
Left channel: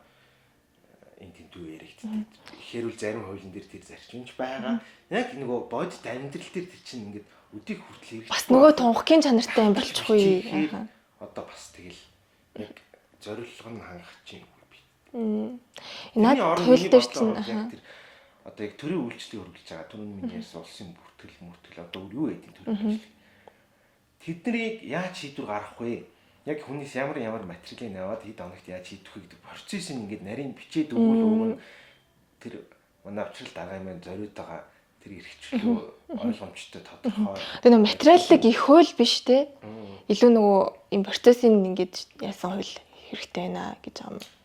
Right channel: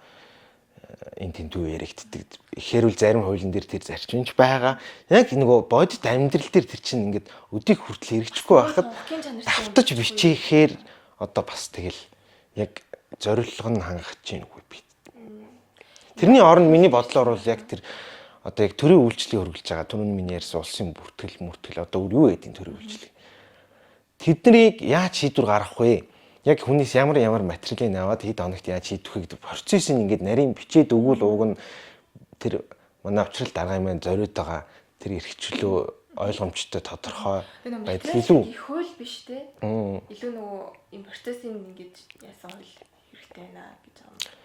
энэ тэнцүү яригддаг. Ихээр үл зарим хуулийн дээр тэр зарчимч байгаа. Яг нөгөө бодит амьдрал дээр тэр чинь ингээд өдийг хүртэл хэрэгжихгүй байгаа. Тунхгийн чанартай юм биш бичихээр одоо бас тэгэл яг зориулга нь хангах чинь үгүй би. Тэрний оронд миний бодлоор бол яг тэр одоо яг төрийн үйлчлэгийг хөргөлж байгаа. Түрүүн миний ярьсан улсын бүртгэл одоо юу гэдэг төрийн үйлчлэг. Тэднийг яаж шийдвэр гаргах вэ? Яг хүнээс ямар материалыг аваад хэд хоногт яаж шийдвэх вэ гэдэг процессыг ингээд нарийн бичээд өгвөл уг нь тэр манай авчрал дарга юм зориод байгаа тэр эрхчлөө ойлгомжтой тодорхой. Тэр материалыг их хууль биш те. Илүү нөгөө юм процессыг ингээд яасан хууль хэрэгтэй байна гэж байгаа юм.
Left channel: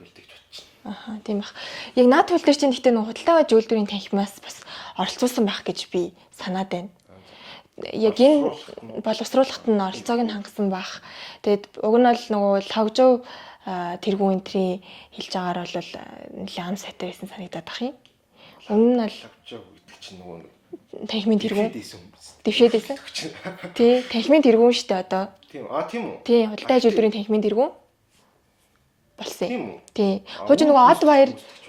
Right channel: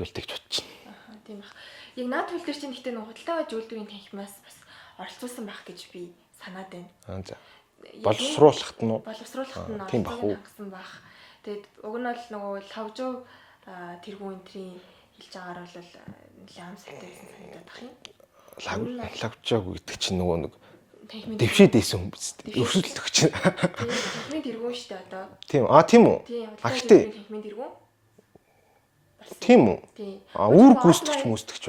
Тэгж бодчихно. Аха тийм бах. Яг наад хууль дээр чинь гэхдээ нөгөө худалдаага зөвлөлдөрийн танхимаас бас оролцуулсан байх гэж би санаад байна. Яг боловсруулахт нь оролцоог нь хангасан байх. Тэгээд уг нь бол нөгөө логжоо тэргүүн энтрийн хэлж байгаагаар бол нэлээд ам сайтай байсан санагдаад бах юм. Өмнө нь логжоо гэдэг чинь нөгөө нэг танхимын дэвшээд байсан юм биз. Дэвшээд чинь. Тий, танхимын тэргүүн шүү дээ одоо. Тийм. Тийм үү? Тий, худалдаага зөвлөлдөрийн танхимын тэргүүн болсон. Тийм үү? Тий. Хожим нөгөө од баяр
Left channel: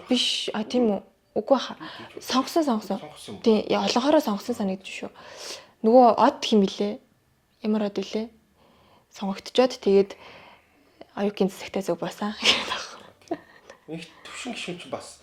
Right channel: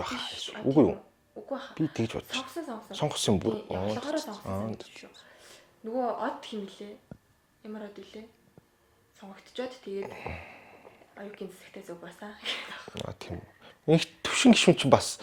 биш. Тийм үү? Үгүй хаа. Би тэгж бодсон. Сонгосон юм. Тий, олонхороо сонгосон санагдчих шүү. Нөгөө од хэм билээ? Ямар од билээ? Сонгогдчоод тэгээд аюукийн засагтай зүг басан. Тийм. Их төвшин гишүүн чинь бас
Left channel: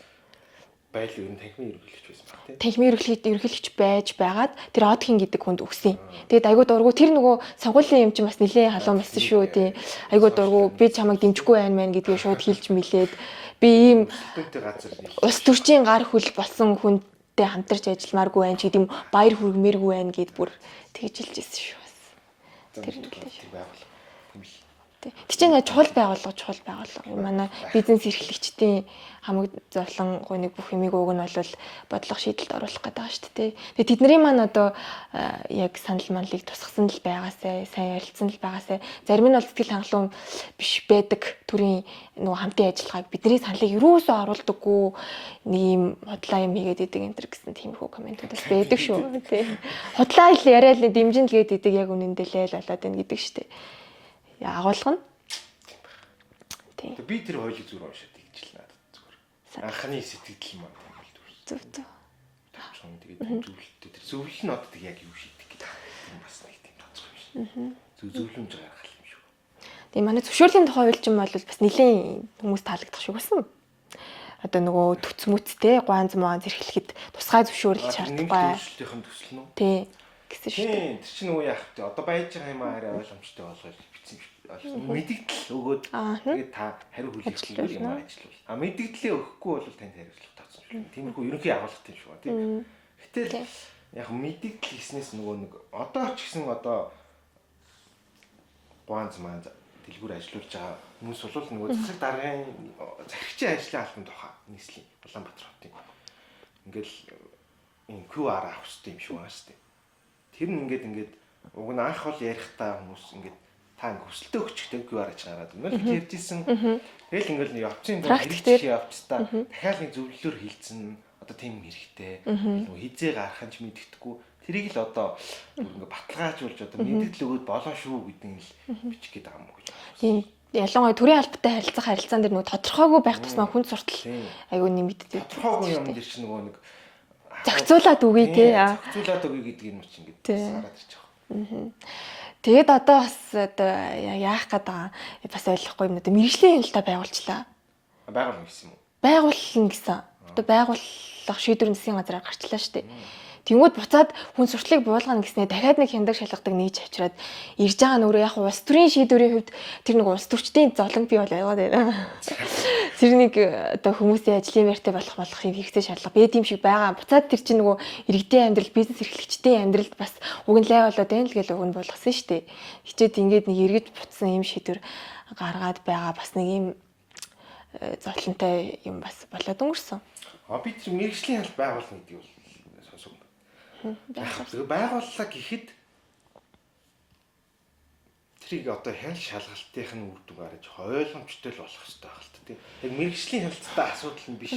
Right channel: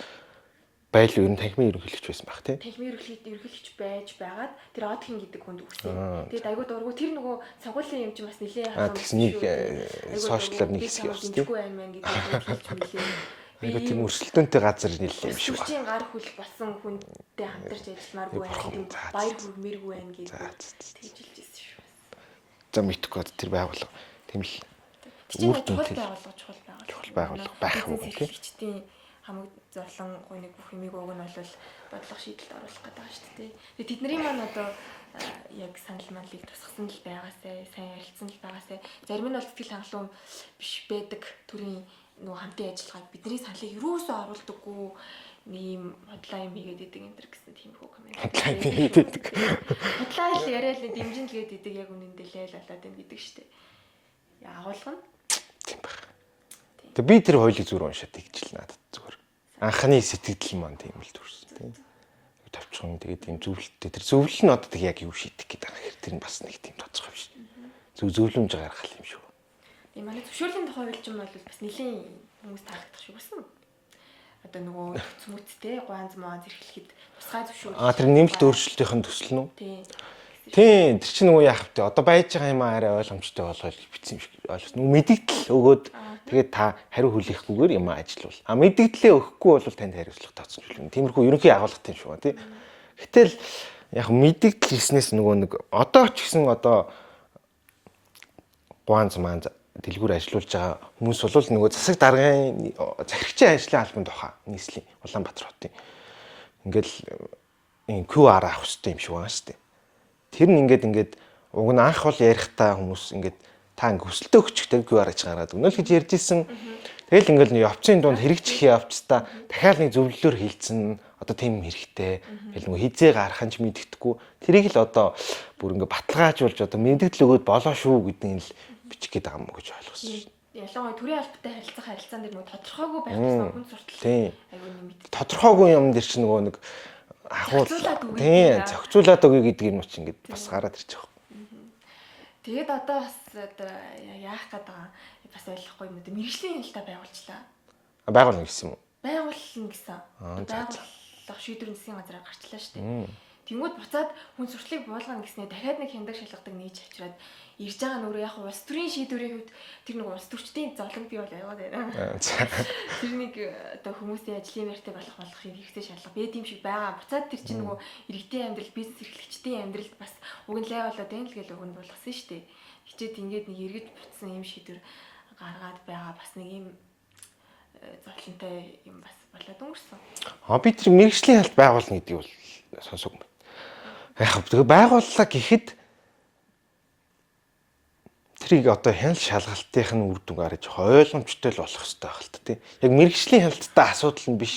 байл ер нь танхимын ерөнхийлөгч байсан баг тий. Танхимын ерөнхийлөгч байж байгаад тэр одхин гэдэг хүнд өгсөн. Тэгээд айгуу дургу тэр нөгөө сонгуулийн юм чинь бас нэлээд халуун байсан шүү тий. Айгуу дургу би чамайг дэмжихгүй байна мэн гэдгийг шууд хэлж мэлээд би ийм өрсөлдөөнтэй газар нийлээ. Ус төрчийн гар хөл болсон хүнтэй хамтарч ажилламааргүй байх гэдэг юм баяр хүргмээргүй байх гэд бүр тэгж хэлжсэн шүү бас. За мэдхгүй тэр байгуулга тийм л. Тэг чинь чухал байгуулга. Манай бизнес эрхлэгчдийн хамаг зовлон гуйныг бүх юмыг уг нь бол бодлого шийдэлд оруулах гэдэг байгаа шүү дээ. Тэгээ тэдний маань одоо яг санал манлыг тусгасан л байгаасай, сайн ярилцсан л байгаасай. Зарим нь бол сэтгэл хангалуун биш байдаг төрийн нөгөө хамтын ажиллагааг бидний саналыг юусоо оруулдаггүй нэг юм худлаа юм хийгээд идэг энэ төр гэсэн тиймэрхүү комент байдаг шүү. Худлаа хэл яриад дэмжин л гээд идэг яг үнэндээ л болоод байна гэдэг шүү дээ. Агуулга нь тийм баг. Тэгээ би тэр хуулийг зүгээр уншаад тэгж л надад зүгээр. Анхны сэтгэл маань тийм л төрсөн. Тавчхан тэгээд тийм зөвлөлттэй тэр зөвлөл нь одоо яг юу шийдэх гэдэг байгаа. Тэр нь бас нэг тийм тодорхой биш. Зөвлөмж гаргах юм шүү. Тийм манай зөвшөөрлийн тухай хууль чинь бол бас нэлийн хүмүүс таалагдах шиг байсан. Одоо нөгөө төц мүцтэй гуанз маа зэрэглэхэд тусгай зөвшөөрлөж тэр нэмэлт өөрчлөлтийн төсөл нь үү? Тийм. Тийм, тэр чинь нөгөө яах вэ? Одоо байж байгаа юм арай ойлгомжтой болгож бичсэн юм шиг ойлгосон. Мэдээлэл өгөөд тэгээд та хариу хүлээхлээр юм ажиллавал. Мэдээлэлээ өгөхгүй бол танд хариуцлага тооцсон юм. Тиймэрхүү ерөнхий агуулгатай юм шиг байна, тийм. Гэтэл яг мэдээлэл хийснээс нөгөө нэг одоо ч гэсэн одоо гуанз маань дэлгүүр ажиллаулж байгаа хүмүүс бол нөгөө засаг даргын захирагчийн ажлын албан тухай нийслэлийн Улаанбаатар хотын ингээл энэ QR авах хэрэгтэй юм шиг байна шүү дээ. Тэр нь ингээд уг нь анх бол ярихдаа хүмүүс ингээд та ингээ хүсэлтөө өгчтэй QR аж гараад өгнө л гэж ярьж исэн. Тэгэл ингээл явцын дунд хэрэгжих явцдаа дахиад нэг зөвлөлөөр хилцэн одоо тийм хэрэгтэй. Тэгэл нөгөө хизээ гарах нь ч мэддэхгүй. Тэрийг л одоо бүр ингээ баталгаажуулж одоо мэддэл өгөөд болоо шүү гэдгийг л бичих гээд байгаа юм уу гэж ойлгосон. Ялангуяа төрийн албатай харилцаан дээр нөгөө тодорхойгүй байх тусмаа хүн суртал айгүй нэмэгддэг. Тодорхойгүй юм дээр чинь нөгөө нэг зохицуулаад үгүй тийм зохицуулаад өгье гэдэг юм чинь ингээд бас гараад ирчих واخ. Тэгээд одоо бас одоо яах гээд байгаа бас ойлгохгүй юм да. Мэргэжлийн хяналтаа байгуулчлаа. Байгуулна гэсэн юм уу? Байгуулна гэсэн. Одоо байгуулах шийдвэр засгийн газараар гарчлаа шүү дээ. Тэнгүүд буцаад хүн сурталыг буулгана гэснээр дахиад нэг хяндаг шалгадаг нээж авчираад ирж байгаа нүрээ яг улс төрийн шийдвэрийн хувьд тэр нэг улс төрчдийн золонг бий бол яваад байна. Тэр нэг одоо хүмүүсийн ажлын байртай болохыг хэрэгцээ шаардлага бие тийм шиг байгаа. Буцаад тэр чинь нөгөө иргэдийн амьдрал, бизнес эрхлэгчдийн амьдралд бас уг нь лай болоод байна л гэж уг нь болгосон шүү дээ. Хичээд ингээд нэг эргэж буцсан юм шийдвэр гаргаад байгаа бас нэг юм зовлонтой юм бас болоод өнгөрсөн. Би тэр мэргэжлийн хялт байгуулна гэдгийг бол сонсоогүй. Яг байгууллаа гэхэд тэрийг одоо хяналт шалгалтынх нь үр дүн гарч ойлгомжтой л болох хэрэгтэй байх л та тийм. Яг мэргэжлийн хяналттай асуудал нь биш.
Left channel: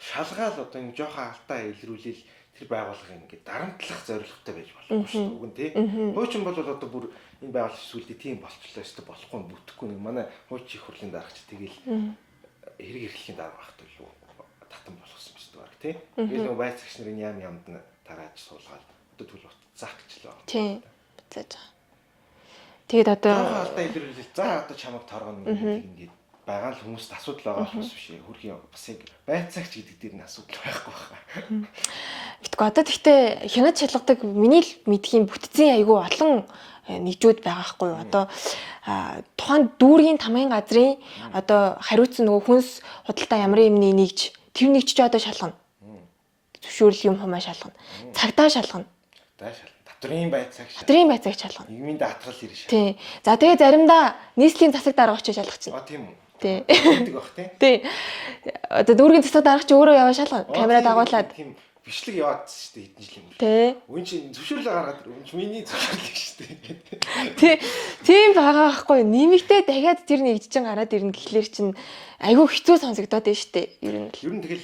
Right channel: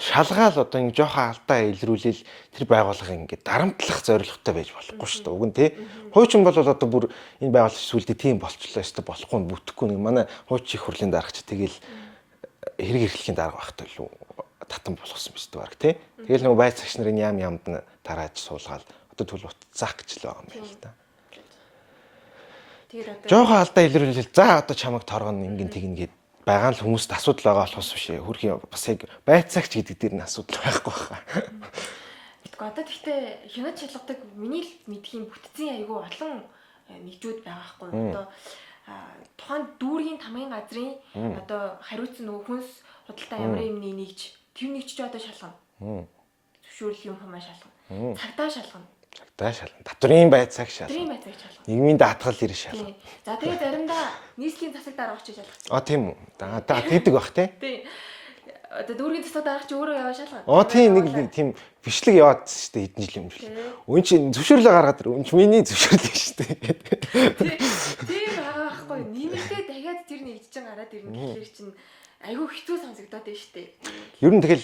Шалгаал одоо ингэ жоохон алдаа илрүүлэл тэр байгууллага ингэ дарамтлах зорилготой байж болохгүй шүү дээ. Уг нь тийм. Хуучин бол одоо бүр энэ байгууллага сүлдээ тийм болчлоо шүү дээ. Болохгүй нь бүтэхгүй нэг манай хуучин их хурлын дарагч тэгэл хэрэг эрхлэхийн дарга багтай л татан болгосон биз дээ баг тийм. Тэгэл нөгөө байц цагч нарын яам ямд нь тарааж суулгаад одоо төлөв утсаах гэж л байгаа юм байна. Батлаж байгаа. Тэгээд одоо жоохон алдаа илрүүлэл за одоо чамайг торгоно ингэ тэгнгээд байгаа л хүмүүст асуудал байгаа болохос биш ээ. Хөрхийн бас яг байцаагч гэдэг дээр нь асуудал байхгүй байна. Битгүй одоо тэгтээ хянаж шалгадаг миний л мэдхийн бүтцийн айгүй олон нэгжүүд байгаа хгүй юу. Одоо тухайн дүүргийн тамгын газрын одоо хариуцсан нөгөө хүнс худалдаа ямар юмны нэгж тэр нэгж ч одоо шалгана. Зөвшөөрөл юм хумаа шалгана. Цагдаа шалгана. Татврын байцаагч шалгана. Нийгмийн даатгал ирэх шалгана. Тийм. За тэгээ заримдаа нийслэлийн засаг дарга очиж шалгачихна. Тийм үү. Гэдэг бах тий. Тийм. Одоо дүүргийн засаг дарга ч өөрөө яваа шалгана. Камераа дагуулад тийм бичлэг яваад шүү дээ хэдэн жилийн өмнө. Үн чинь зөвшөөрлөө гаргаад үн чинь миний зөвшөөрлөө шүү дээ. Тийм байгаа байхгүй. Нэмэгдээ дахиад тэр нэгж чин гараад ирнэ гэхлээр чинь айгүй хэцүү сонсогдоод байна шүү дээ. Ер нь тэгэл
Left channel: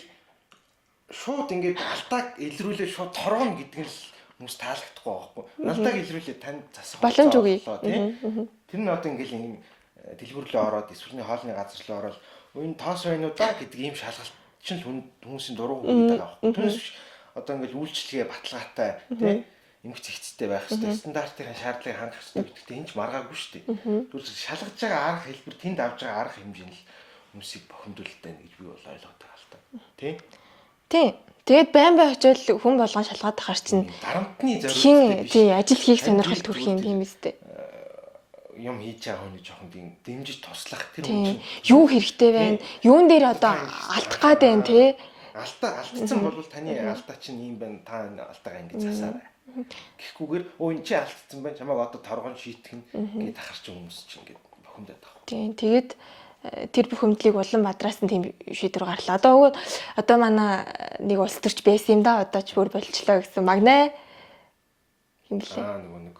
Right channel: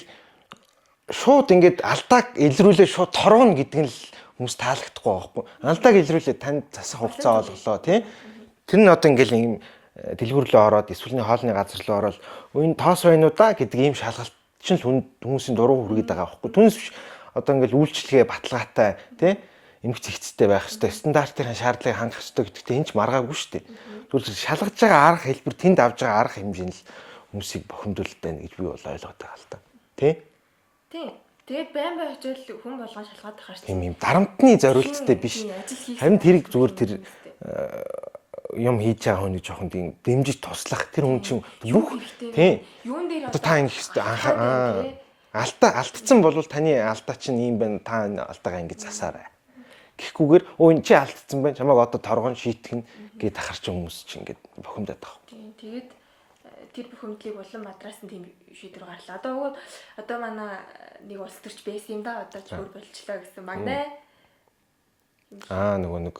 шууд ингээд алдааг илрүүлээ шууд торгоно гэдэг нь л хүмүүс таалагдахгүй байхгүй. Алдааг илрүүлээ танд засах хугацаа боллоо тий. Тэр нь одоо ингээд юм дэлгүүр рүү ороод эсвэл хоолны газар руу ороод энэ тоос байна уу да гэдэг ийм шалгалт чинь хүмүүсийн дуруу хүргээд байгаа байхгүй. Түүнээс биш одоо ингээд үйлчлэгээ баталгаатай тий эмгц ихцтэй байх хэрэгтэй стандартын шаардлагыг хангах хэрэгтэй гэдэгт энэ ч маргаагүй шүү дээ. Тэгвэл шалгаж байгаа арга хэлбэр тэнд авж байгаа арга хэмжээ нь л хүмүүсийг бохимдуулалт байна гэж би бол ойлгоод байгаа л та. Тий? Тий. Тэгээд байн бай очиод хүн болгон шалгаад ахаар чинь дарамтны зорилттой биш. Тий, ажил хийх сонирхол төрөх юм үстэй. Юм хийж байгаа хүний жоохон тийм дэмжиж туслах тэр хүн чинь юу хэрэгтэй вэ? Юун дээр одоо алдгаад байна тий? Алдсан бол таны алдаа чинь ийм байна. Та алдаагаа ингэж засаарай. Гэхгүйгээр өө эн чи алдсан байна. Чамайг одоо торгон шийтгэн гээд ахарч хүмүүс чинь ингэж бохимдаад байгаа. Тий. Тэгээд тэр бохимдлыг улан бадраас нь тийм шийдвэр гарлаа. Одоо манай нэг улс төрч байсан юм да. Одоо ч хөр болчлоо гэсэн магнаа. Нөгөө нэг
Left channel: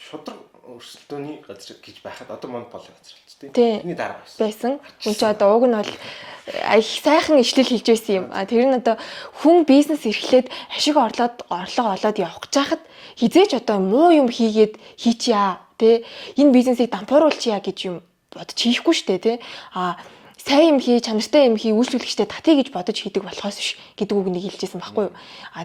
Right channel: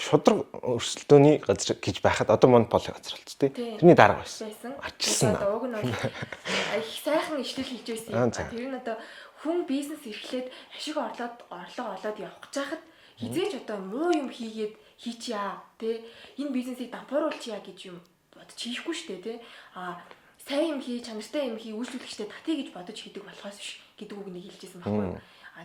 шудраг өрсөлдөөний газар гэж байхад одоо монополи газар болц тий. Тэрний дарга байсан. Тэр чи одоо уг нь бол их сайхан ишлэл хийж байсан юм. Тэр нь одоо хүн бизнес эрхлээд ашиг орлого олоод явах гэж хахад хизээч одоо муу юм хийгээд хийчихье тий. Энэ бизнесийг дампууруулчихъя гэж юм бодож хийхгүй штэ тий. Сайн юм хий, чанартай юм хий, үйлчлүүлэгчтэй татъя гэж бодож хийдэг болохоос биш гэдэг үг нэг хэлжсэн байхгүй юу.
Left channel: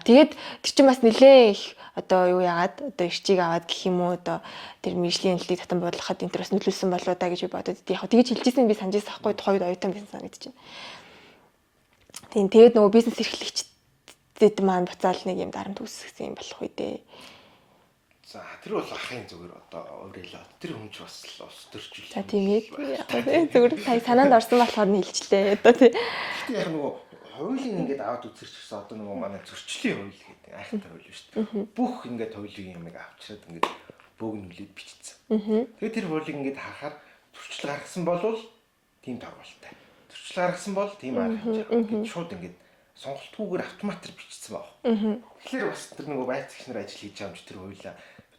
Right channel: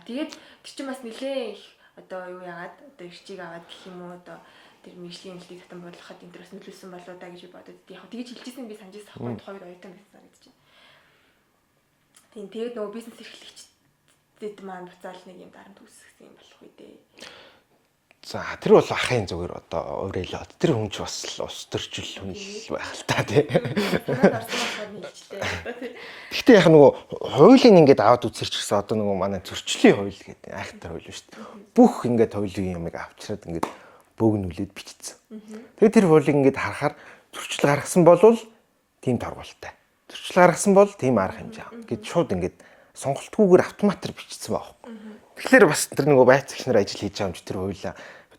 Тэгээд тэр чинь бас нэлээ их одоо юу яагаад одоо ирчиг аваад гэх юм уу одоо тэр мэржлийн хэллийг татан буудлахад энэ төрөөс нөлөөлсөн болоо да гэж бодод яг тэгэж хэлжсэн би санаж байсан байхгүй тухайд оюутан байсан санагдаж байна. Тийм тэгээд нөгөө бизнес эрхлэгчдэд маань буцаал нэг юм дарамт үүсгэсэн юм болох үү дээ. За тэр бол ахын зүгээр одоо уурайлаад тэр хүн ч бас ус төрчил юм байна та тийм. Зүгээр санаанд орсон болохоор нийлжлээ одоо тийм. Гэхдээ яг нөгөө хуулийн ингээд аваад үзэрч гэсэн одоо нөгөө манай зөрчлийн хууль гэдэг айхантай хууль шүү дээ. Бүх ингээд хуулийн юмыг авчираад ингээд бөөгнүүлээд бичсэн. Тэгээд тэр хуулийг ингээд харахаар зөрчил гаргасан болвол тийм торгуултай. Зөрчил гаргасан бол тийм арга хэмжээ. Ингээд шууд ингээд сонголтгүйгээр автоматар бичсэн баг. Тэгэхээр бас тэр нөгөө байцаагч нар ажил хийж байгаа юм чи тэр хуулиа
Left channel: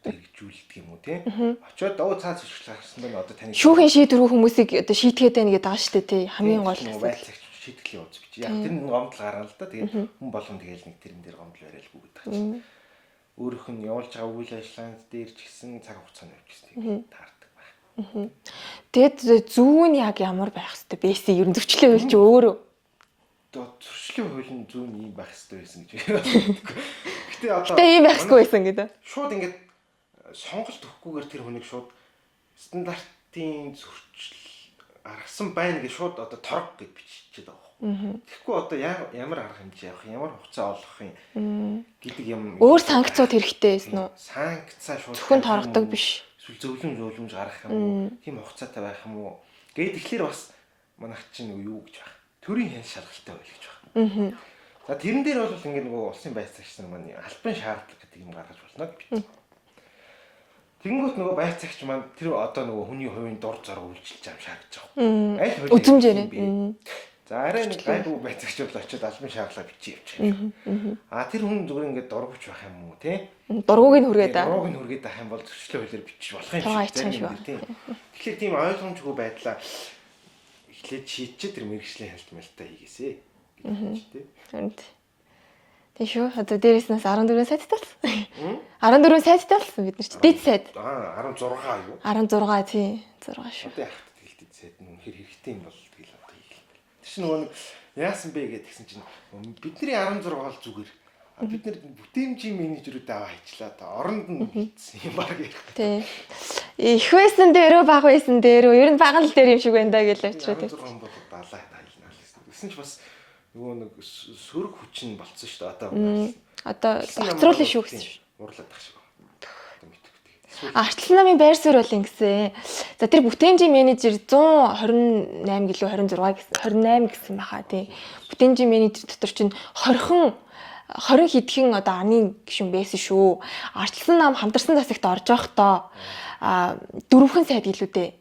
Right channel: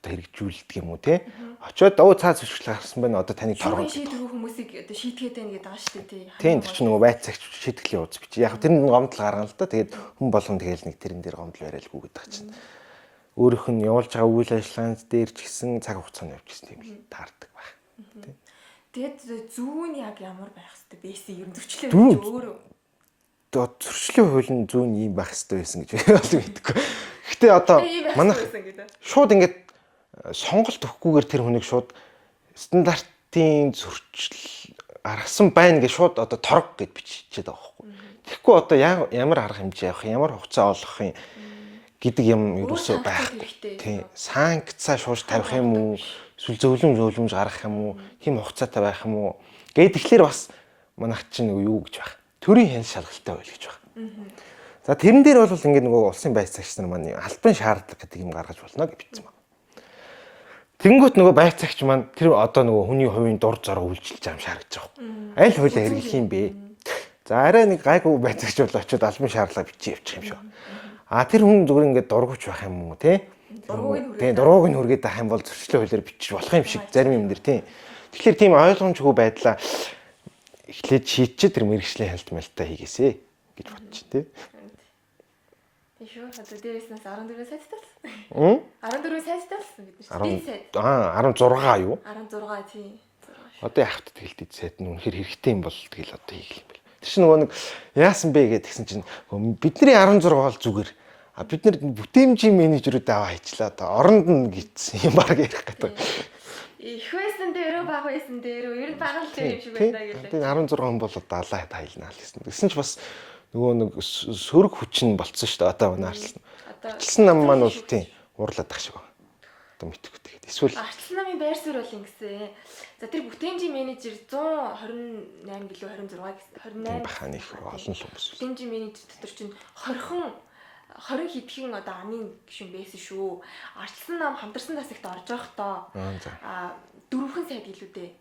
одоо хэрэгжүүлдэг юм уу те. Очоод цаа зөвшөөрөл гаргасан байна. Одоо таны шүүхийн шийдвэр хүмүүсийг одоо шийтгэхэд байна гэдэг байгаа шүү дээ тий. Хамгийн гол нөгөө байцаагч шийтгэлийн ууз бич. Яг тэр нэг гомдол гаргана л да. Тэгээд хүн болгон тэгэл нэг тэрэн дээр гомдол бариад гүгээд байгаа чинь. Өөрөөх нь явуулж байгаа үйл ажиллагаанд дээр ч гэсэн цаг хугацааны явж гэсэн таардаг байна. Тэгэд зүүн нь яг ямар байх хэвээр байсан ер нь зөрчлөө хэл чи өөрөө зөрчлийн хуулийн зүүн ийм байх хэрэгтэй байсан гэж боддог. Гэтэ одоо ийм байх хэрэгтэй байсан гэдэг. Шууд ингээд сонголт өгөхгүйгээр тэр хүнийг шууд стандартын зөрчил гаргасан байна гэж шууд одоо торог гэд бичиж байгаа байхгүй. Тэгэхгүй одоо ямар арга хэмжээ явах, ямар хугацаа олгох юм гэдэг юм өөр санкцууд хэрэгтэй байсан уу? Санкцаа шууд тавих юм уу? Эсвэл зөвлөмж гаргах юм уу? Хим хугацаатай байх юм уу? Гэт тэгэхээр бас манайх чинь юу гэж байх. Төрийн хян шалгалтай байл гэж байна. За тэрэн дээр бол ингээд нөгөө улсын байцаагч нар маань албан шаардлага гэдэг юм гаргаж болно гэж бичсэн байна. Тэнгүүт нөгөө байцаагч маань тэр одоо нөгөө хүний хувийн дур зориг үйлчилж байгаа юм шааргаж байгаа. Аль хууль юм бэ? За арай нэг гайгүй байцаагч бол очиод албан шаардлага бичиж явчих юм шиг. Тэр хүн зүгээр ингээд дургуйч байх юм уу те? Дургууг нь хүргээд байх юм бол зөрчлийн хуулиар бичиж болох юм шиг зарим юм дэр тийм. Тэгэхээр тийм ойлгомжгүй байдлаа эхлээд шийдчихэд тэр мэрэгжлийн хялтмалтай хийгээсэ гэж бодчих тий. Тийм шүү. Одоо дээрээс нь 14 сайттай болсон. 14 сайттай болсон бид нар ч дэд сайт. 16 юу? 16 тий. 6 шүү. Одоо яхад тэгэл дэд сайт нь үнэхээр хэрэгтэй юм бол тэгэл одоо хийх юм бэл. Тэр чинь нөгөө нэг яасан бэ гэдгсэн чинь бидний 16 бол зүгээр. Бид нар бүтээмжийн менежерүүд аваа хийчлаа одоо оронд нь гэсэн юм баг ярих гэдэг. Их байсан дээрөө баг байсан дээрөө ер нь баг л дээр юм шиг байна да гэлээ. 16 бол одоо алаа тайлнаа л гэсэн. Гэсэн ч бас нөгөө нэг сөрөг хүчин болцсон шүү дээ одоо унаарлсан. Одоо артчлан шүү гэсэн. Уурлаад тах шиг байна. Одоо мэдхгүй тэгээд. Эсвэл артчлан намын байр суурь бол ингэсэн. За тэр бүтээмжийн менежер 128 гэлөө 26 гэсэн 28 гэсэн баха тий. Бүтээмжийн менежер дотор чинь 20 хэдхэн одоо аны гишүүн байсан шүү. Арчилсан нам хамтарсан засагт орж явахдаа дөрвөн сайд гэлүүдээ.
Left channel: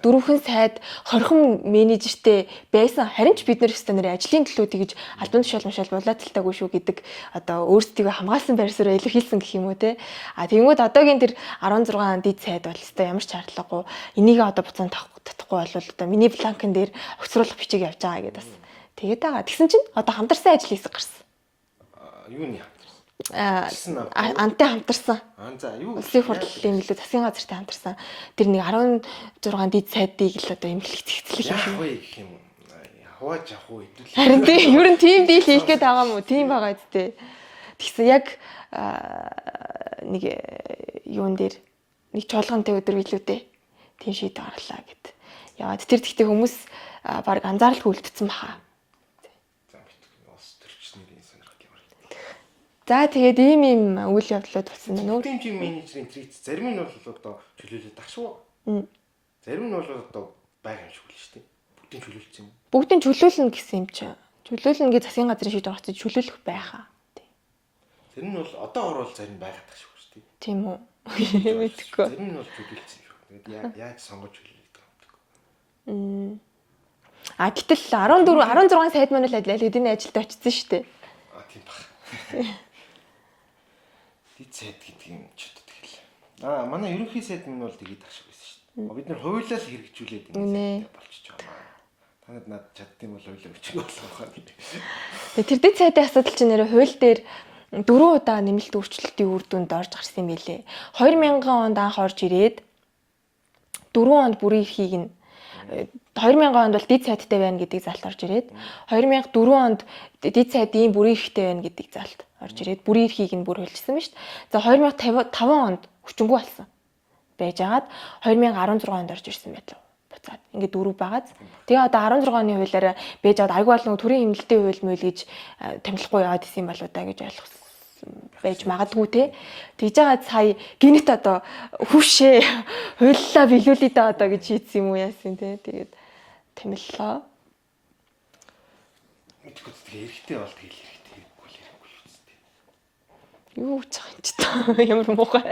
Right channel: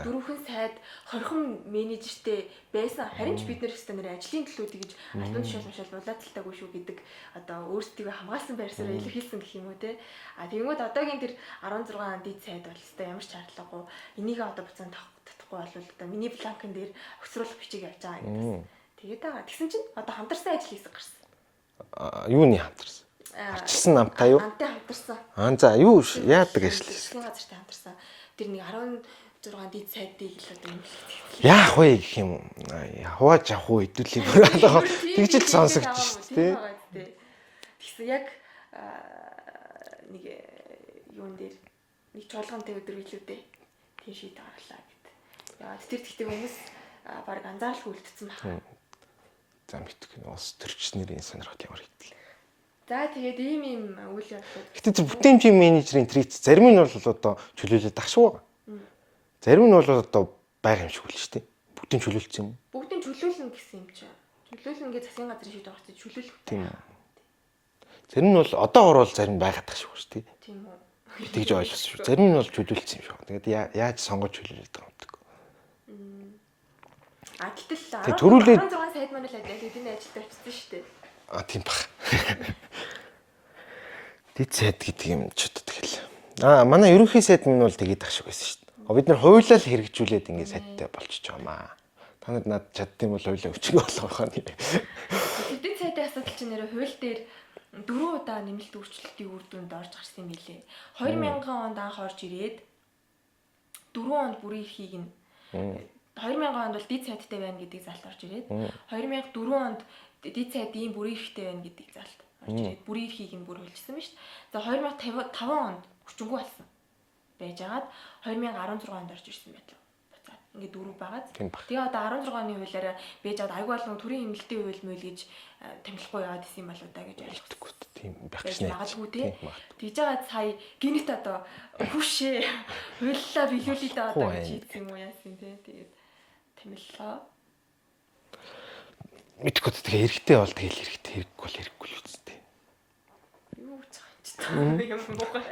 Дөрвөн сайд 20 менежертэй байсан. Харин ч бид нар стандарт ажлын төлөө тэгж албан тушаал булаацалтаагүй шүү гэдэг одоо өөрсдийгөө хамгаалсан байр суурь илэрхийлсэн гэх юм уу те. Тэгэнгүүт одоогийн тэр 16 дид сайд бол өстой ямар ч шаардлагагүй. Энийг одоо буцаан татахгүй бол одоо миний бланкн дээр огцруулах бичиг явж байгаа гэдэг бас. Тэгээд байгаа. Тэгсэн чинь одоо хамтарсан ажил хийсэг гарсан. Юуны хамтарсан? Арчилсан намтай юу? Антай хамтарсан. За юу яадаг юм л засгийн газартай хамтарсан. Тэр нэг 16 дид сайдыг л одоо эмгэлэх цэгцлэх. Яах вэ гэх юм. Хувааж авах уу хэдүүлээ. Ер нь тийм дийл хийх гээд байгаа юм уу? Тийм байгаа үстэй. Тэгсэн яг нэг юун дээр нэг чуулгантай өдөр билүү дээ. Тийм шийдэл гарлаа гэд. Яваад тэр тэгтээ хүмүүс баг анзааралгүй үлдсэн баха. За мэдгүй бас төрч нэрийн сонирхол ямар хэвтэй. За тэгээд ийм үйл явдлууд болсон. Бүтээмжийн менежерийн трит зарим нь бол одоо чөлөөлөд тахшгүй байгаа. Зарим нь бол одоо байгаа юм шиг үл шүү дээ. Бүгдийн чөлөөлсөн юм. Бүгдийн чөлөөлнө гэсэн юм чи. Чөлөөлнө гэж засгийн газрын шийдвэр гаргацсан чөлөөлөх байгаа. Зарим нь бол одоогор бол зарим байгаад тах шиг шүү дээ. Тийм үү. Тэгж ойлгосон. Зарим нь бол чөлөөлсөн юм шиг. Тэгээд яаж сонгож чөлөөлөд байгаа юм бэ? Гэтэл 16 сайд маань л эдийн ажилд очсон шүү дээ. Тийм бах. Дид сайд гэдэг юм ч одоо тэгэл. Манай ерөнхий сайд минь бол тэгээд ах шиг байсан шүү дээ. Бид нар хуулиа л хэрэгжүүлээд ингэ сайдтай болчихж байгаа маа. Та нар над чаддсан бол хуулиа өчгөө болгох нь. Тэр дид сайдын асуудал чинь нэрэ хууль дээр 4 удаа нэмэлт өөрчлөлтийн үр дүнд орж гарсан юм билээ. 2000 онд анх орж ирээд 4 онд бүрийн эрхийг нь 2000 онд бол дид сайдтай байна гэдэг залт орж ирээд 2004 онд дид сайд ийм бүрийн эрхтэй байна гэдэг залт орж ирээд бүрийн эрхийг нь бүр хөлжсөн ба шүү дээ. За 2005 онд хүчингүй болсон байж агаад 2016 онд орж ирсэн байлаа. Буцаад ингээд дөрөв байгааз. Тэгээ одоо 16 оны хуулиараа байж агаад айгүй бол төрийн хэмнэлтийн хууль мөл гэж томилохгүй яваад исэн болоо да гэж ойлгохгүй. Байж магадгүй те. Тэгж байгаа сая гинет одоо хүвшээ хуйллаа билүүлээ да одоо гэж хийсэн юм уу яасан те. Тэгээд томиллоо. Мэдгүй тэгээ хэрэгтэй бол тэгэл хэрэгтэй хэрэггүй бол хэрэггүй л үстэй. Юу ч байгаа юм чи та ямар муухай.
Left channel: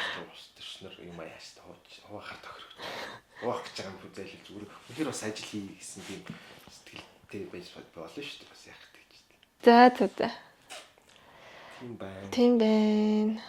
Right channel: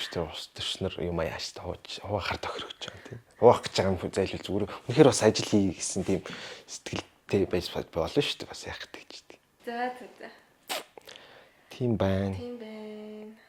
Өстөр устөрчнөр юм яаш та хуваахаар тохирогч байгаа. Хуваах гэж байгаа юм зайлшгүй зүгээр. Үнэхээр бас ажил хий гэсэн тийм сэтгэлтэй байж болно шүү дээ бас яах гэдэг ч тийм. За. Тийм байна. Тийм байна.